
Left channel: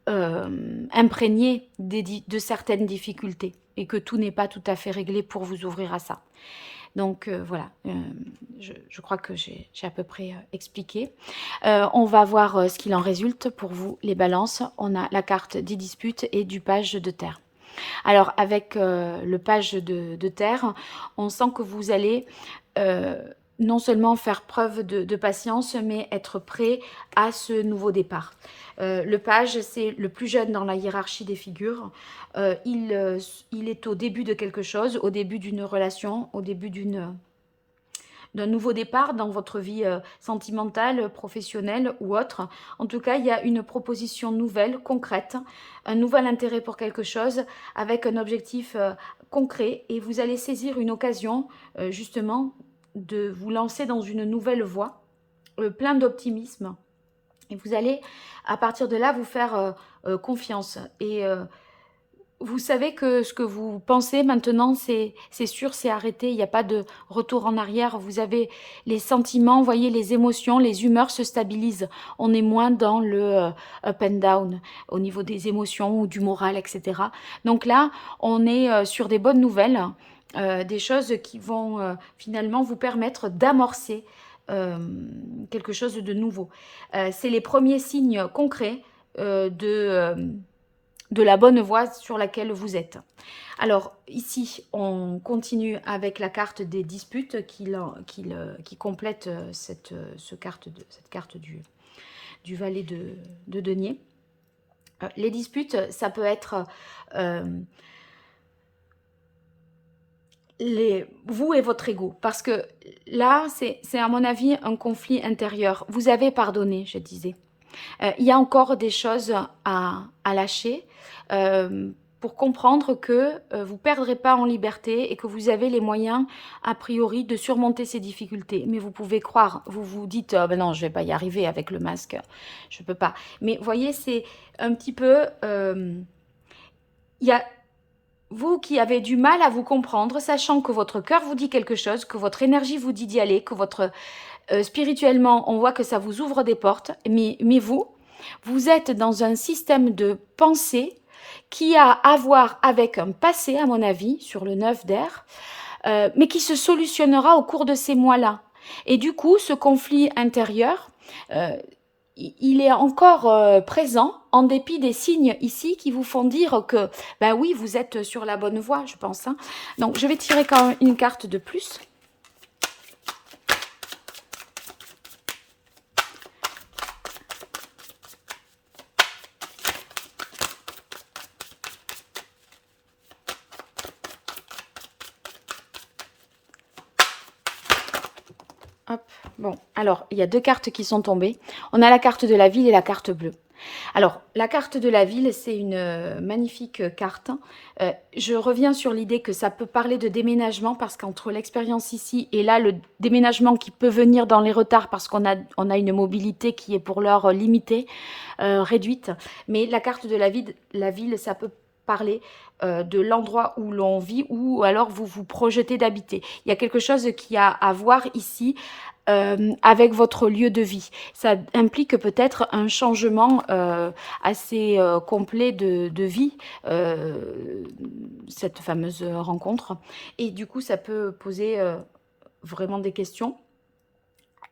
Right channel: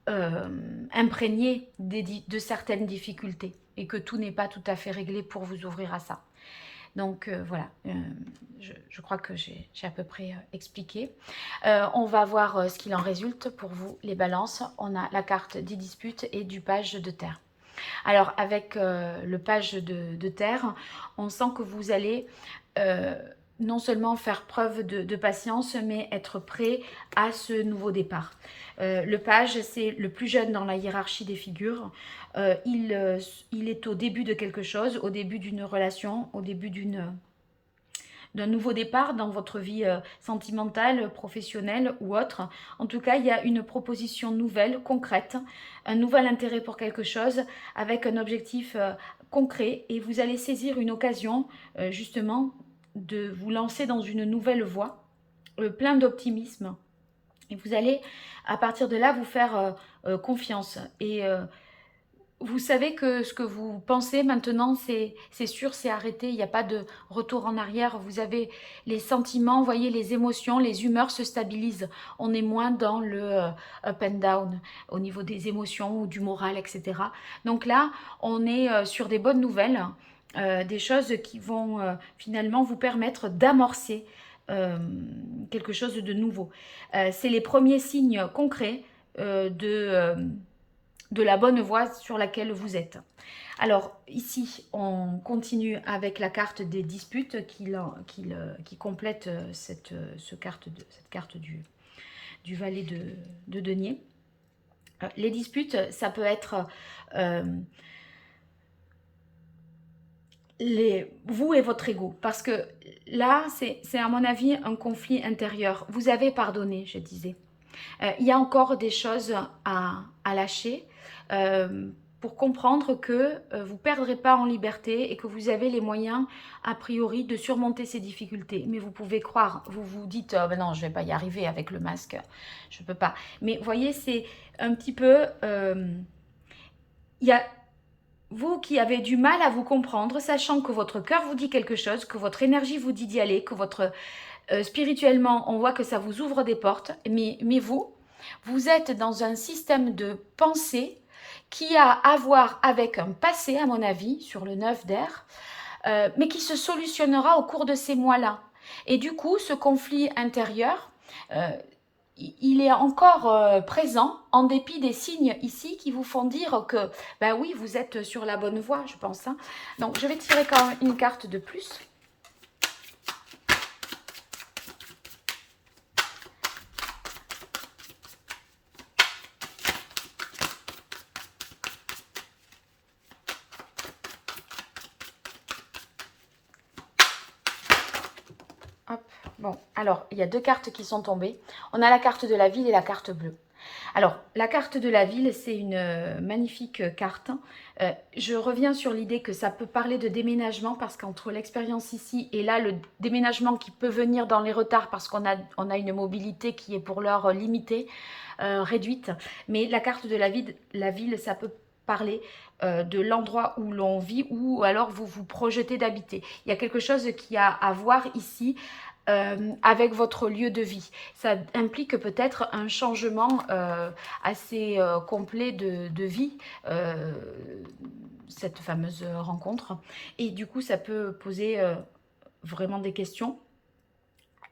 imprégné de certaines difficultés et que tout n'est pas tout à fait réglé pour vous ouvrir à ça. Donc voilà, je crois que j'ai à peu près expliqué. On va voir ce qu'il en résulte pour vous, les balances. On a la carte des disputes et du page de terre. Alors avec le page de terre, on sent que vous allez non seulement faire preuve de patience, mais être prêt à ce nouveau départ. Le page, c'est le plus jeune dans la hiérarchie des figures. Il est au début de quelque chose, au début d'une relation, au début d'un nouveau départ dans votre vie sentimentale, professionnelle ou autre. En tout cas, il y a une proposition nouvelle, concrète, un nouvel intérêt pour quelque chose avec un objectif concret et vous allez saisir une occasion justement de vous lancer dans une nouvelle voie, plein d'optimisme. Et vous allez, à partir de là, vous faire confiance. Et vous savez que ce que vous pensez maintenant, c'est sûr, c'est arrêté. Il n'y a pas de retour en arrière. Vous avez les sentiments, vous voyez, les émotions, les humeurs se stabilisent. On est moins dans le up and down au niveau des émotions ou du moral, etc. Donc là, on est sur des bonnes nouvelles, des choses qui vont finalement vous permettre d'amorcer quelque chose de nouveau. C'est les premiers signes concrets de la bonne voie sur laquelle vous êtes. Alors ici, on continue avec la carte des disputes qui complète cette carte du valet de denier. Les disputes, ça peut être vous et votre ego, parce que là, c'est à mon avis un conflit intérieur. Vous avez pardonné, je disais. Il y a encore des choses à lâcher pour comprendre que vous ne perdrez pas en liberté et que vous avez les moyens, a priori, de surmonter ces difficultés. Mais vous pouvez croire, vous vous dites oh, ben non, je ne vais pas y arriver avec le masque, je ne peux pas. Mais vous voyez, c'est un petit peu... il y a vous qui avez du mal à vous comprendre, sachant que votre cœur vous dit quelque chose, que votre énergie vous dit d'y aller, que votre spirituellement, on voit que ça vous ouvre des portes, mais vous êtes dans un système de pensée qui a à voir avec un passé, à mon avis, sur le 9 d'air, mais qui se solutionnera au cours de ces mois-là. Et du coup, ce conflit intérieur, il est encore présent en dépit des signes ici qui vous font dire que, ben oui, vous êtes sur la bonne voie, je pense. Hein. Donc, je vais tirer quand même une carte de plus. Hop. Bon, alors, il y a deux cartes qui sont tombées. On a la carte de la ville et la carte bleue. Alors, la carte de la ville, c'est une magnifique carte. Je reviens sur l'idée que ça peut parler de déménagement parce qu'entre l'expérience ici et là, le déménagement qui peut venir dans les retards parce qu'on a une mobilité qui est pour l'heure limitée, réduite. Mais la carte de la ville, ça peut parler de l'endroit où l'on vit ou alors vous vous projetez d'habiter. Il y a quelque chose qui a à voir ici avec votre lieu de vie. Ça implique peut-être un changement assez complet de vie, cette fameuse rencontre. Et du coup, ça peut poser vraiment des questions,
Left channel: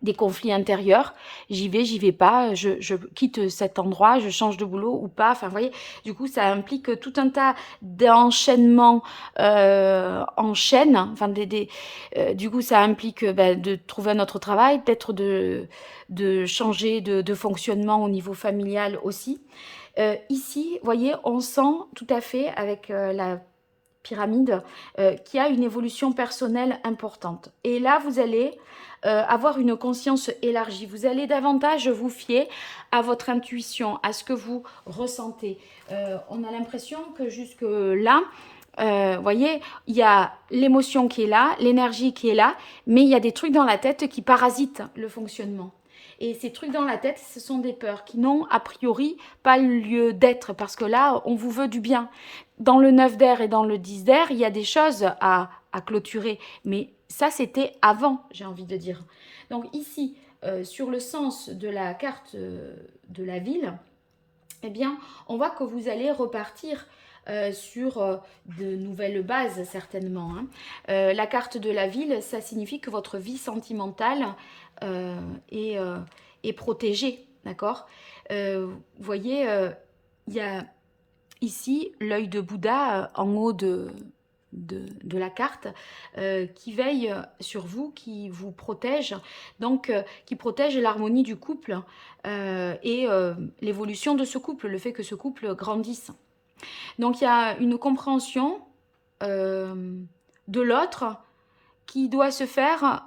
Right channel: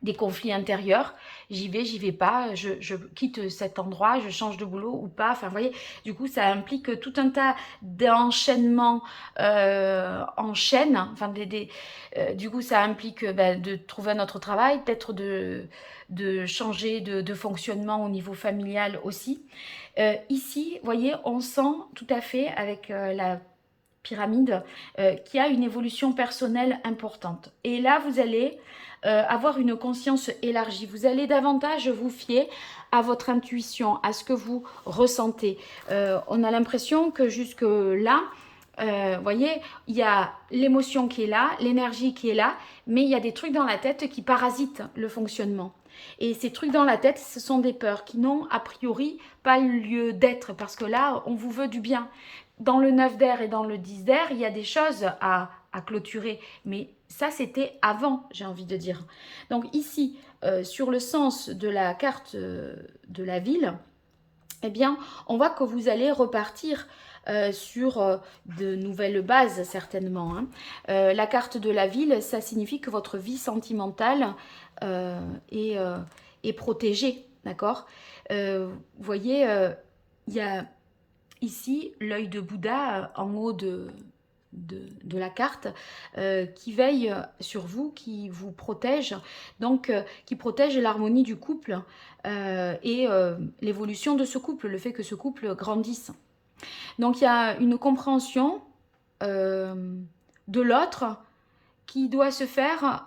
des conflits intérieurs. J'y vais pas, je quitte cet endroit, je change de boulot ou pas. Enfin, vous voyez, du coup, ça implique tout un tas d'enchaînements en chaîne. Enfin, du coup, ça implique de trouver un autre travail, peut-être de changer de fonctionnement au niveau familial aussi. Ici, vous voyez, on sent tout à fait avec la pyramide qui a une évolution personnelle importante. Et là, vous allez avoir une conscience élargie. Vous allez davantage vous fier à votre intuition, à ce que vous ressentez. On a l'impression que jusque-là, voyez, il y a l'émotion qui est là, l'énergie qui est là, mais il y a des trucs dans la tête qui parasitent le fonctionnement. Et ces trucs dans la tête, ce sont des peurs qui n'ont a priori pas lieu d'être, parce que là, on vous veut du bien. Dans le 9 d'air et dans le 10 d'air, il y a des choses à clôturer, mais ça, c'était avant, j'ai envie de dire. Donc ici, sur le sens de la carte de la ville, eh bien, on voit que vous allez repartir sur de nouvelles bases, certainement. Hein. La carte de la ville, ça signifie que votre vie sentimentale est, est protégée, d'accord. Vous voyez, il y a ici l'œil de Bouddha en haut de la carte qui veille sur vous, qui vous protège, donc qui protège l'harmonie du couple et l'évolution de ce couple, le fait que ce couple grandisse. Donc il y a une compréhension de l'autre qui doit se faire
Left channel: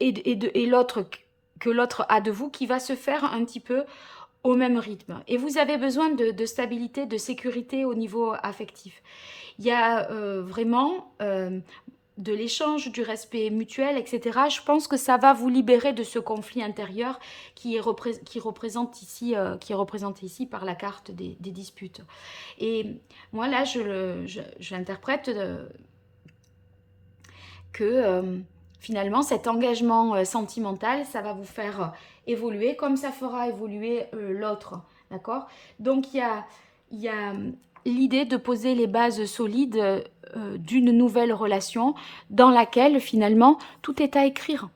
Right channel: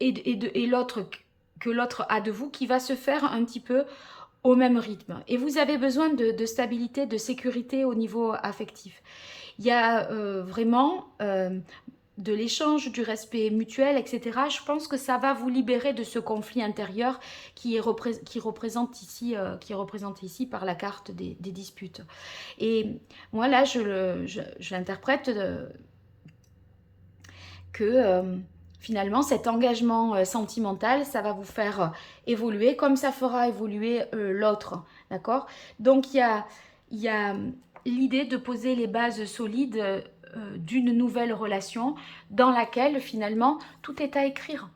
et l'autre que l'autre a de vous qui va se faire un petit peu au même rythme. Et vous avez besoin de stabilité, de sécurité au niveau affectif. Il y a vraiment de l'échange, du respect mutuel, etc. Je pense que ça va vous libérer de ce conflit intérieur qui est représenté ici par la carte des disputes. Et moi, là, je l'interprète que finalement, cet engagement sentimental, ça va vous faire évoluer comme ça fera évoluer l'autre. D'accord. Donc, il y a l'idée de poser les bases solides d'une nouvelle relation dans laquelle finalement tout est à écrire.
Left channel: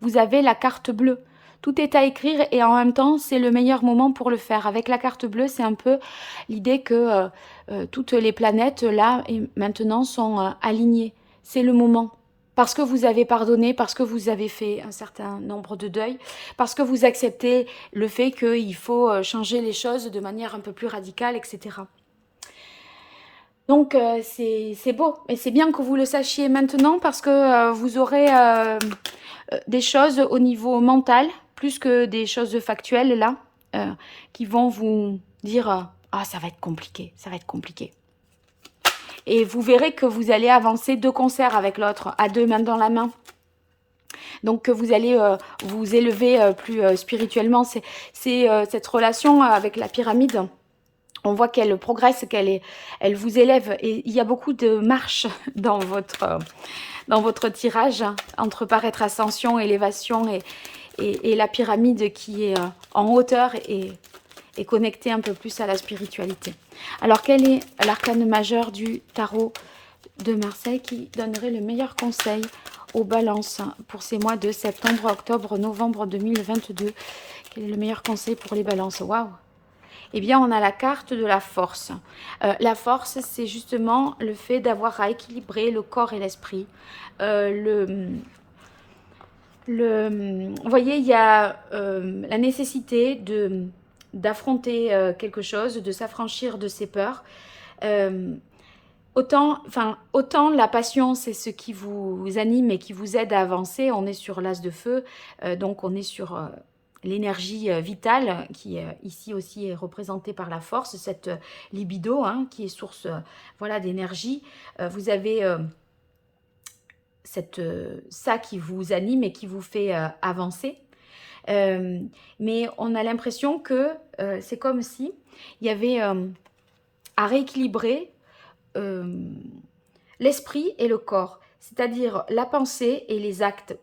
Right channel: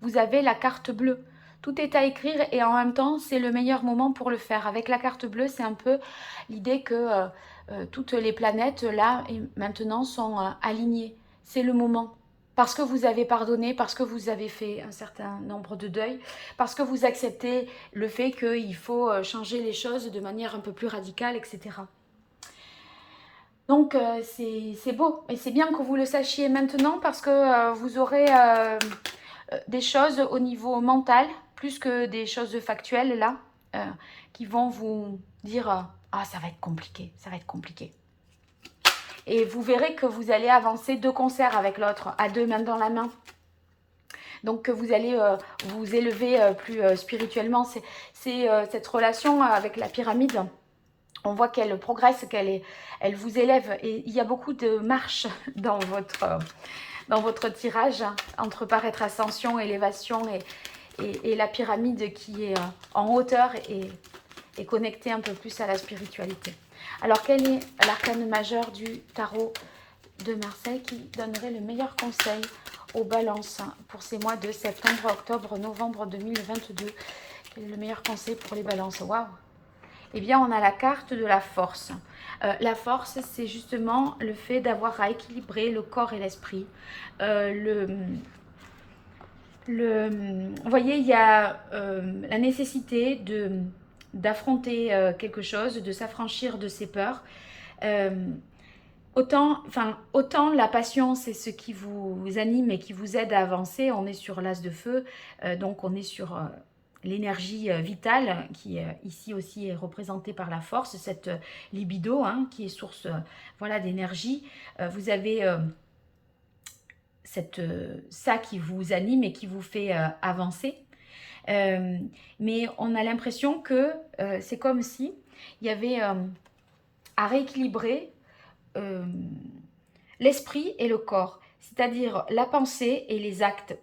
Vous avez la carte bleue. Tout est à écrire et en même temps, c'est le meilleur moment pour le faire. Avec la carte bleue, c'est un peu l'idée que toutes les planètes, là et maintenant, sont alignées. C'est le moment. Parce que vous avez pardonné, parce que vous avez fait un certain nombre de deuils, parce que vous acceptez le fait qu'il faut changer les choses de manière un peu plus radicale, etc. Donc c'est beau, et c'est bien que vous le sachiez maintenant parce que vous aurez des choses au niveau mental, plus que des choses factuelles là, qui vont vous dire ah ça va être compliqué, ça va être compliqué. Et vous verrez que vous allez avancer de concert avec l'autre, à deux mains dans la main. Donc vous allez vous élever plus spirituellement. C'est cette relation avec la pyramide. On voit qu'elle progresse, elle vous élève. Et il y a beaucoup de marches dans votre tirage, entre paraître ascension, élévation et la pyramide qui est en hauteur et connectée un peu plus à la spiritualité. Alors, quel est l'arcane majeur du tarot de Marseille qui donnerait le meilleur conseil aux balances pour ces mois de septembre, octobre, novembre 2022? Quel est le meilleur conseil pour les balances? Waouh! Eh bien, on a la carte de la force. La force, c'est justement le fait d'avoir à équilibrer le corps et l'esprit. Vous voyez, il y a la nécessité d'affronter quelque chose, de s'affranchir de ses peurs. autant la passion, c'est ce qui vous anime et qui vous aide à avancer. On est sur l'as de feu, donc on est sur l'énergie vitale qui ici aussi est représentée par la force, cette libido hein, qui est source voilà, d'énergie. Vous avez ça qui vous anime et qui vous fait avancer. Mais on a l'impression que c'est comme si il y avait à rééquilibrer euh, l'esprit et le corps, c'est-à-dire la pensée et les actes,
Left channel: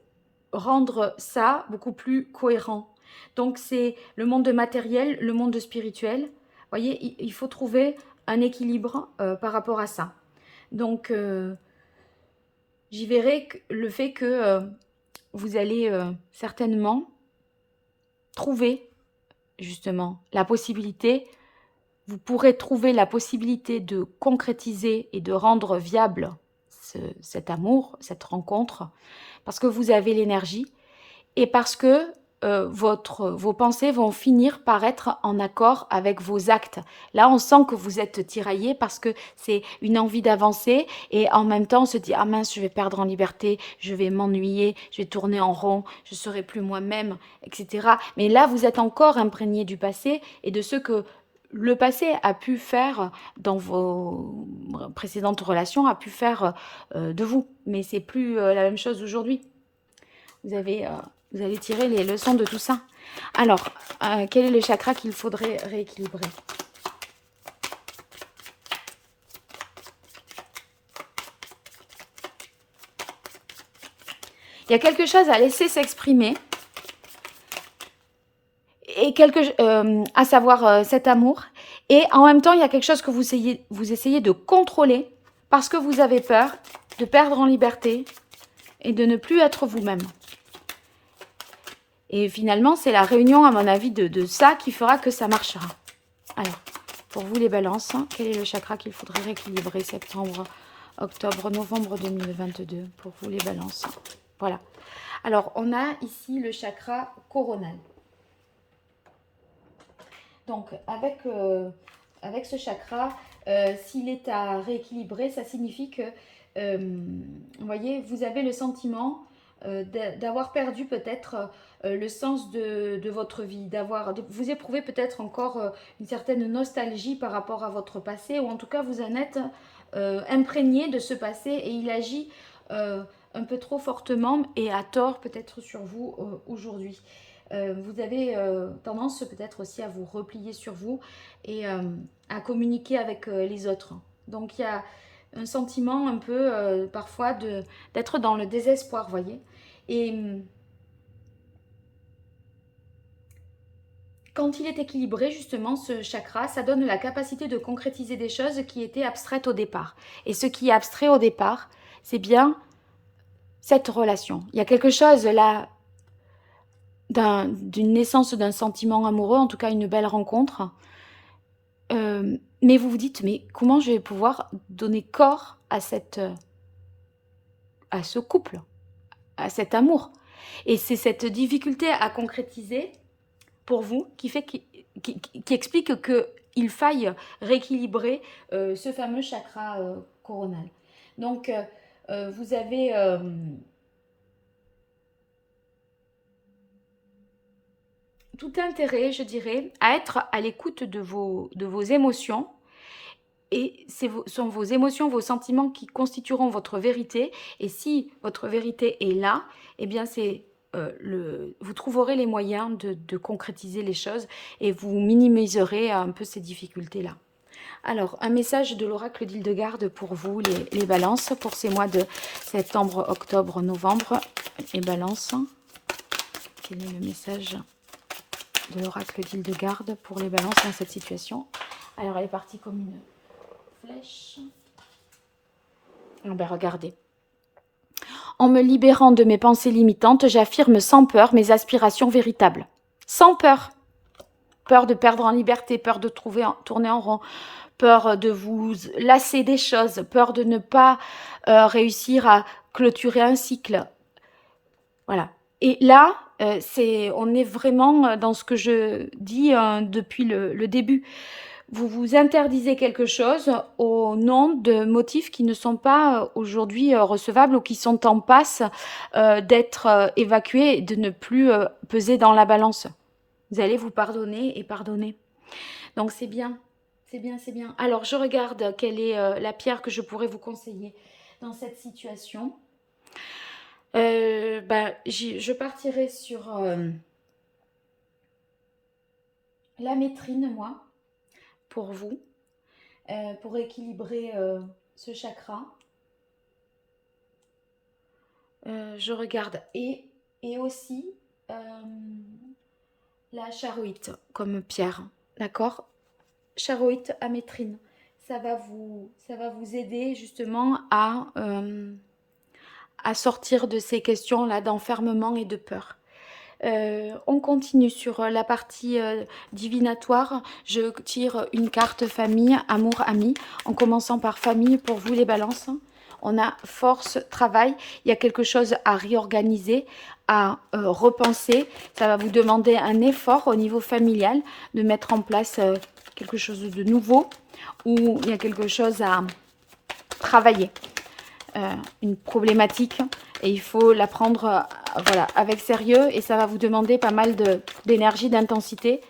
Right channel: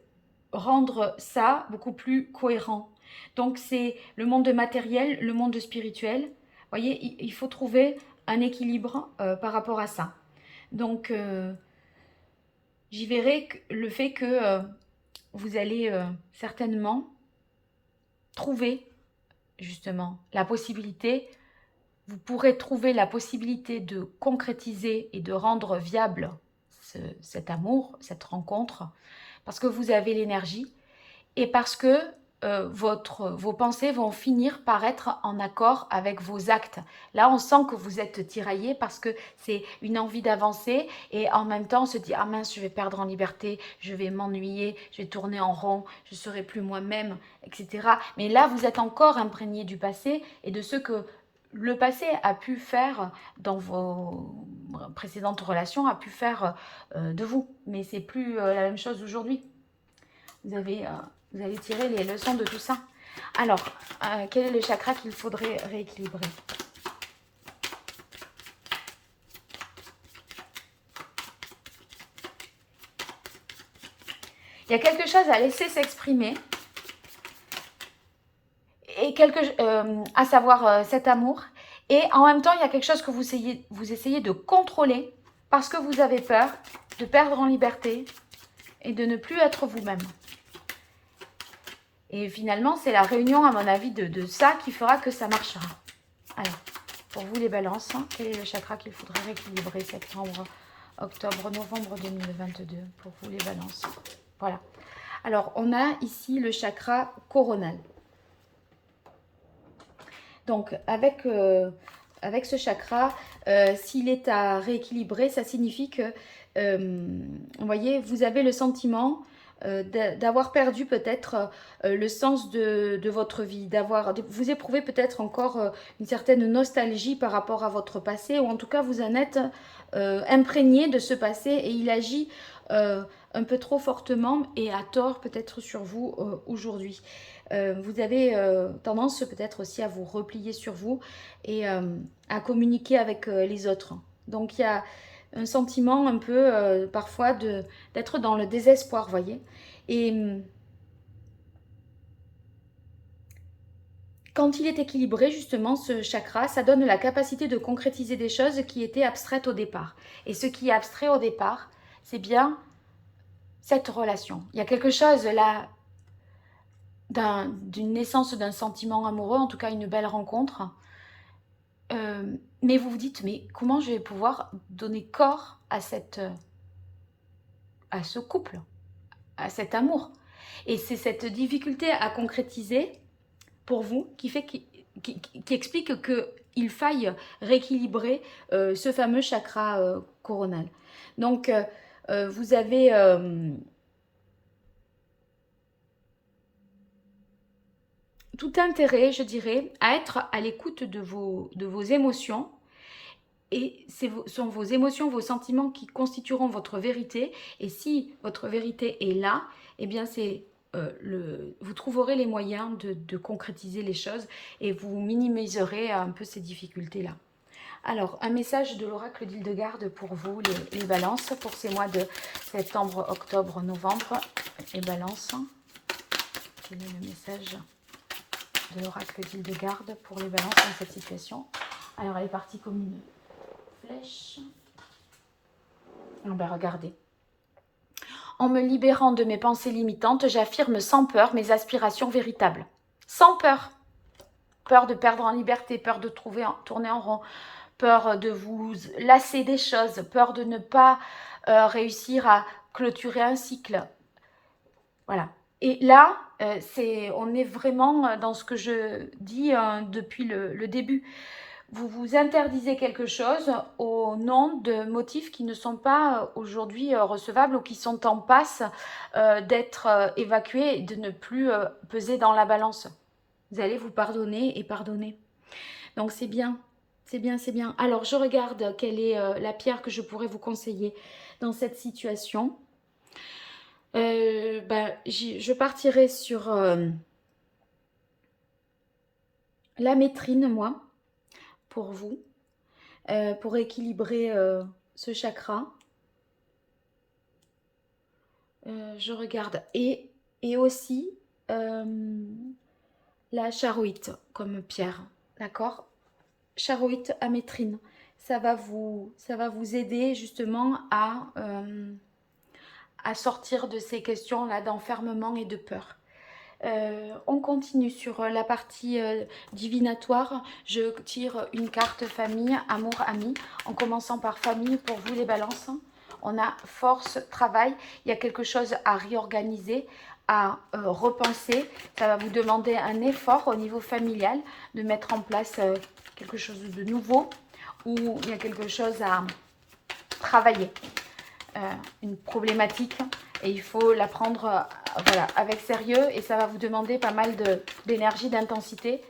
rendre ça beaucoup plus cohérent. Donc c'est le monde matériel, le monde spirituel. Vous voyez, il faut trouver un équilibre par rapport à ça. Donc j'y verrai le fait que vous allez certainement trouver justement la possibilité, vous pourrez trouver la possibilité de concrétiser et de rendre viable cet amour, cette rencontre, parce que vous avez l'énergie et parce que vos pensées vont finir par être en accord avec vos actes. Là, on sent que vous êtes tiraillé parce que c'est une envie d'avancer et en même temps on se dit ah mince, je vais perdre en liberté, je vais m'ennuyer, je vais tourner en rond, je serai plus moi-même, etc. Mais là, vous êtes encore imprégné du passé et de ce que le passé a pu faire dans vos précédentes relations, a pu faire de vous. Mais c'est plus la même chose aujourd'hui. Vous avez, vous allez tirer les leçons de tout ça. Alors, quel est le chakra qu'il faudrait rééquilibrer? Il y a quelque chose à laisser s'exprimer. Et à savoir cet amour. Et en même temps, il y a quelque chose que vous essayez de contrôler parce que vous avez peur de perdre en liberté et de ne plus être vous-même. Et finalement, c'est la réunion, à mon avis, de ça qui fera que ça marchera. Alors, pour vous les balances, quel est le chakra qu'il faudrait rééquilibrer septembre, octobre, novembre 2022 pour vous les balances? Voilà. Alors, on a ici le chakra coronal. Donc, avec ce chakra, s'il est à rééquilibrer, ça signifie que, vous voyez, vous avez le sentiment d'avoir perdu peut-être le sens de votre vie, vous éprouvez peut-être encore une certaine nostalgie par rapport à votre passé, ou en tout cas vous en êtes imprégné de ce passé et il agit un peu trop fortement et à tort peut-être sur vous aujourd'hui. Vous avez tendance peut-être aussi à vous replier sur vous et à communiquer avec les autres. Donc il y a un sentiment un peu parfois d'être dans le désespoir, vous voyez. Et quand il est équilibré, justement, ce chakra, ça donne la capacité de concrétiser des choses qui étaient abstraites au départ. Et ce qui est abstrait au départ, c'est bien cette relation. Il y a quelque chose là d'une naissance d'un sentiment amoureux, en tout cas une belle rencontre. Mais vous vous dites, mais comment je vais pouvoir donner corps à ce couple, à cet amour? Et c'est cette difficulté à concrétiser pour vous qui explique qu'il faille rééquilibrer ce fameux chakra coronal. Donc, vous avez tout intérêt, je dirais, à être à l'écoute de vos émotions. Et sont vos émotions, vos sentiments qui constitueront votre vérité. Et si votre vérité est là, eh bien vous trouverez les moyens de concrétiser les choses et vous minimiserez un peu ces difficultés-là. Alors, un message de l'oracle d'Hildegarde pour vous, les balances, pour ces mois de septembre, octobre, novembre. Les balances. Quel est le message de l'oracle d'Hildegarde pour les balances dans cette situation? Alors, elle est partie comme une flèche. Regardez. En me libérant de mes pensées limitantes, j'affirme sans peur mes aspirations véritables. Sans peur. Peur de perdre en liberté, peur de tourner en rond, peur de vous lasser des choses, peur de ne pas réussir à clôturer un cycle. Voilà. Et là, on est vraiment dans ce que je dis depuis le début. vous vous interdisez quelque chose au nom de motifs qui ne sont pas aujourd'hui recevables ou qui sont en passe d'être évacués et de ne plus peser dans la balance. Vous allez vous pardonner et pardonner. Donc c'est bien, c'est bien, c'est bien. Alors je regarde quelle est la pierre que je pourrais vous conseiller dans cette situation. Je partirai sur la métrine, moi, pour vous, pour équilibrer ce chakra. Je regarde. Et aussi la charoïte comme pierre. D'accord? Charoïte amétrine. Ça va vous aider justement à sortir de ces questions-là d'enfermement et de peur. On continue sur la partie divinatoire. Je tire une carte famille, amour, ami, en commençant par famille pour vous les balances. On a force, travail. Il y a quelque chose à réorganiser, à repenser. Ça va vous demander un effort au niveau familial de mettre en place quelque chose de nouveau ou il y a quelque chose à travailler. Une problématique et il faut la prendre voilà, avec sérieux et ça va vous demander pas mal d'énergie, d'intensité.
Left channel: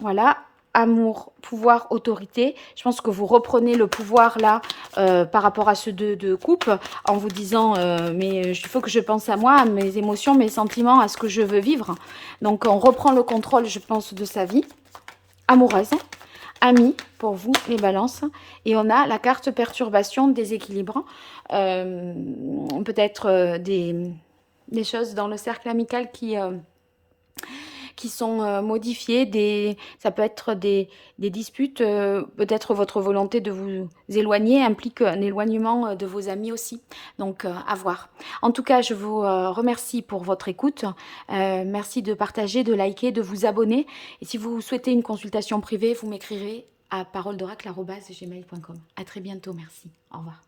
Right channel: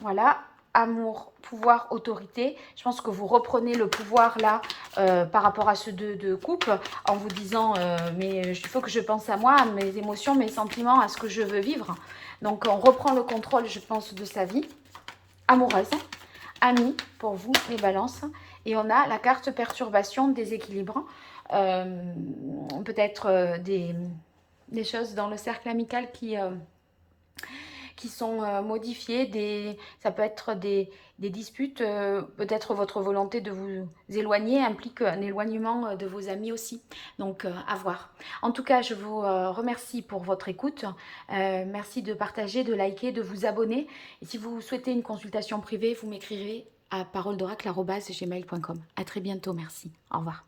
Voilà, amour, pouvoir, autorité. Je pense que vous reprenez le pouvoir là par rapport à ce 2 de coupe en vous disant mais il faut que je pense à moi, à mes émotions, mes sentiments, à ce que je veux vivre. Donc on reprend le contrôle, je pense, de sa vie amoureuse. Amis pour vous les balances et on a la carte perturbation, déséquilibre, peut-être des choses dans le cercle amical qui sont modifiées, ça peut être des disputes, peut-être votre volonté de vous éloigner implique un éloignement de vos amis aussi, donc à voir. En tout cas, je vous remercie pour votre écoute, merci de partager, de liker, de vous abonner, et si vous souhaitez une consultation privée, vous m'écrirez à paroledoracle@gmail.com. À très bientôt, merci. Au revoir.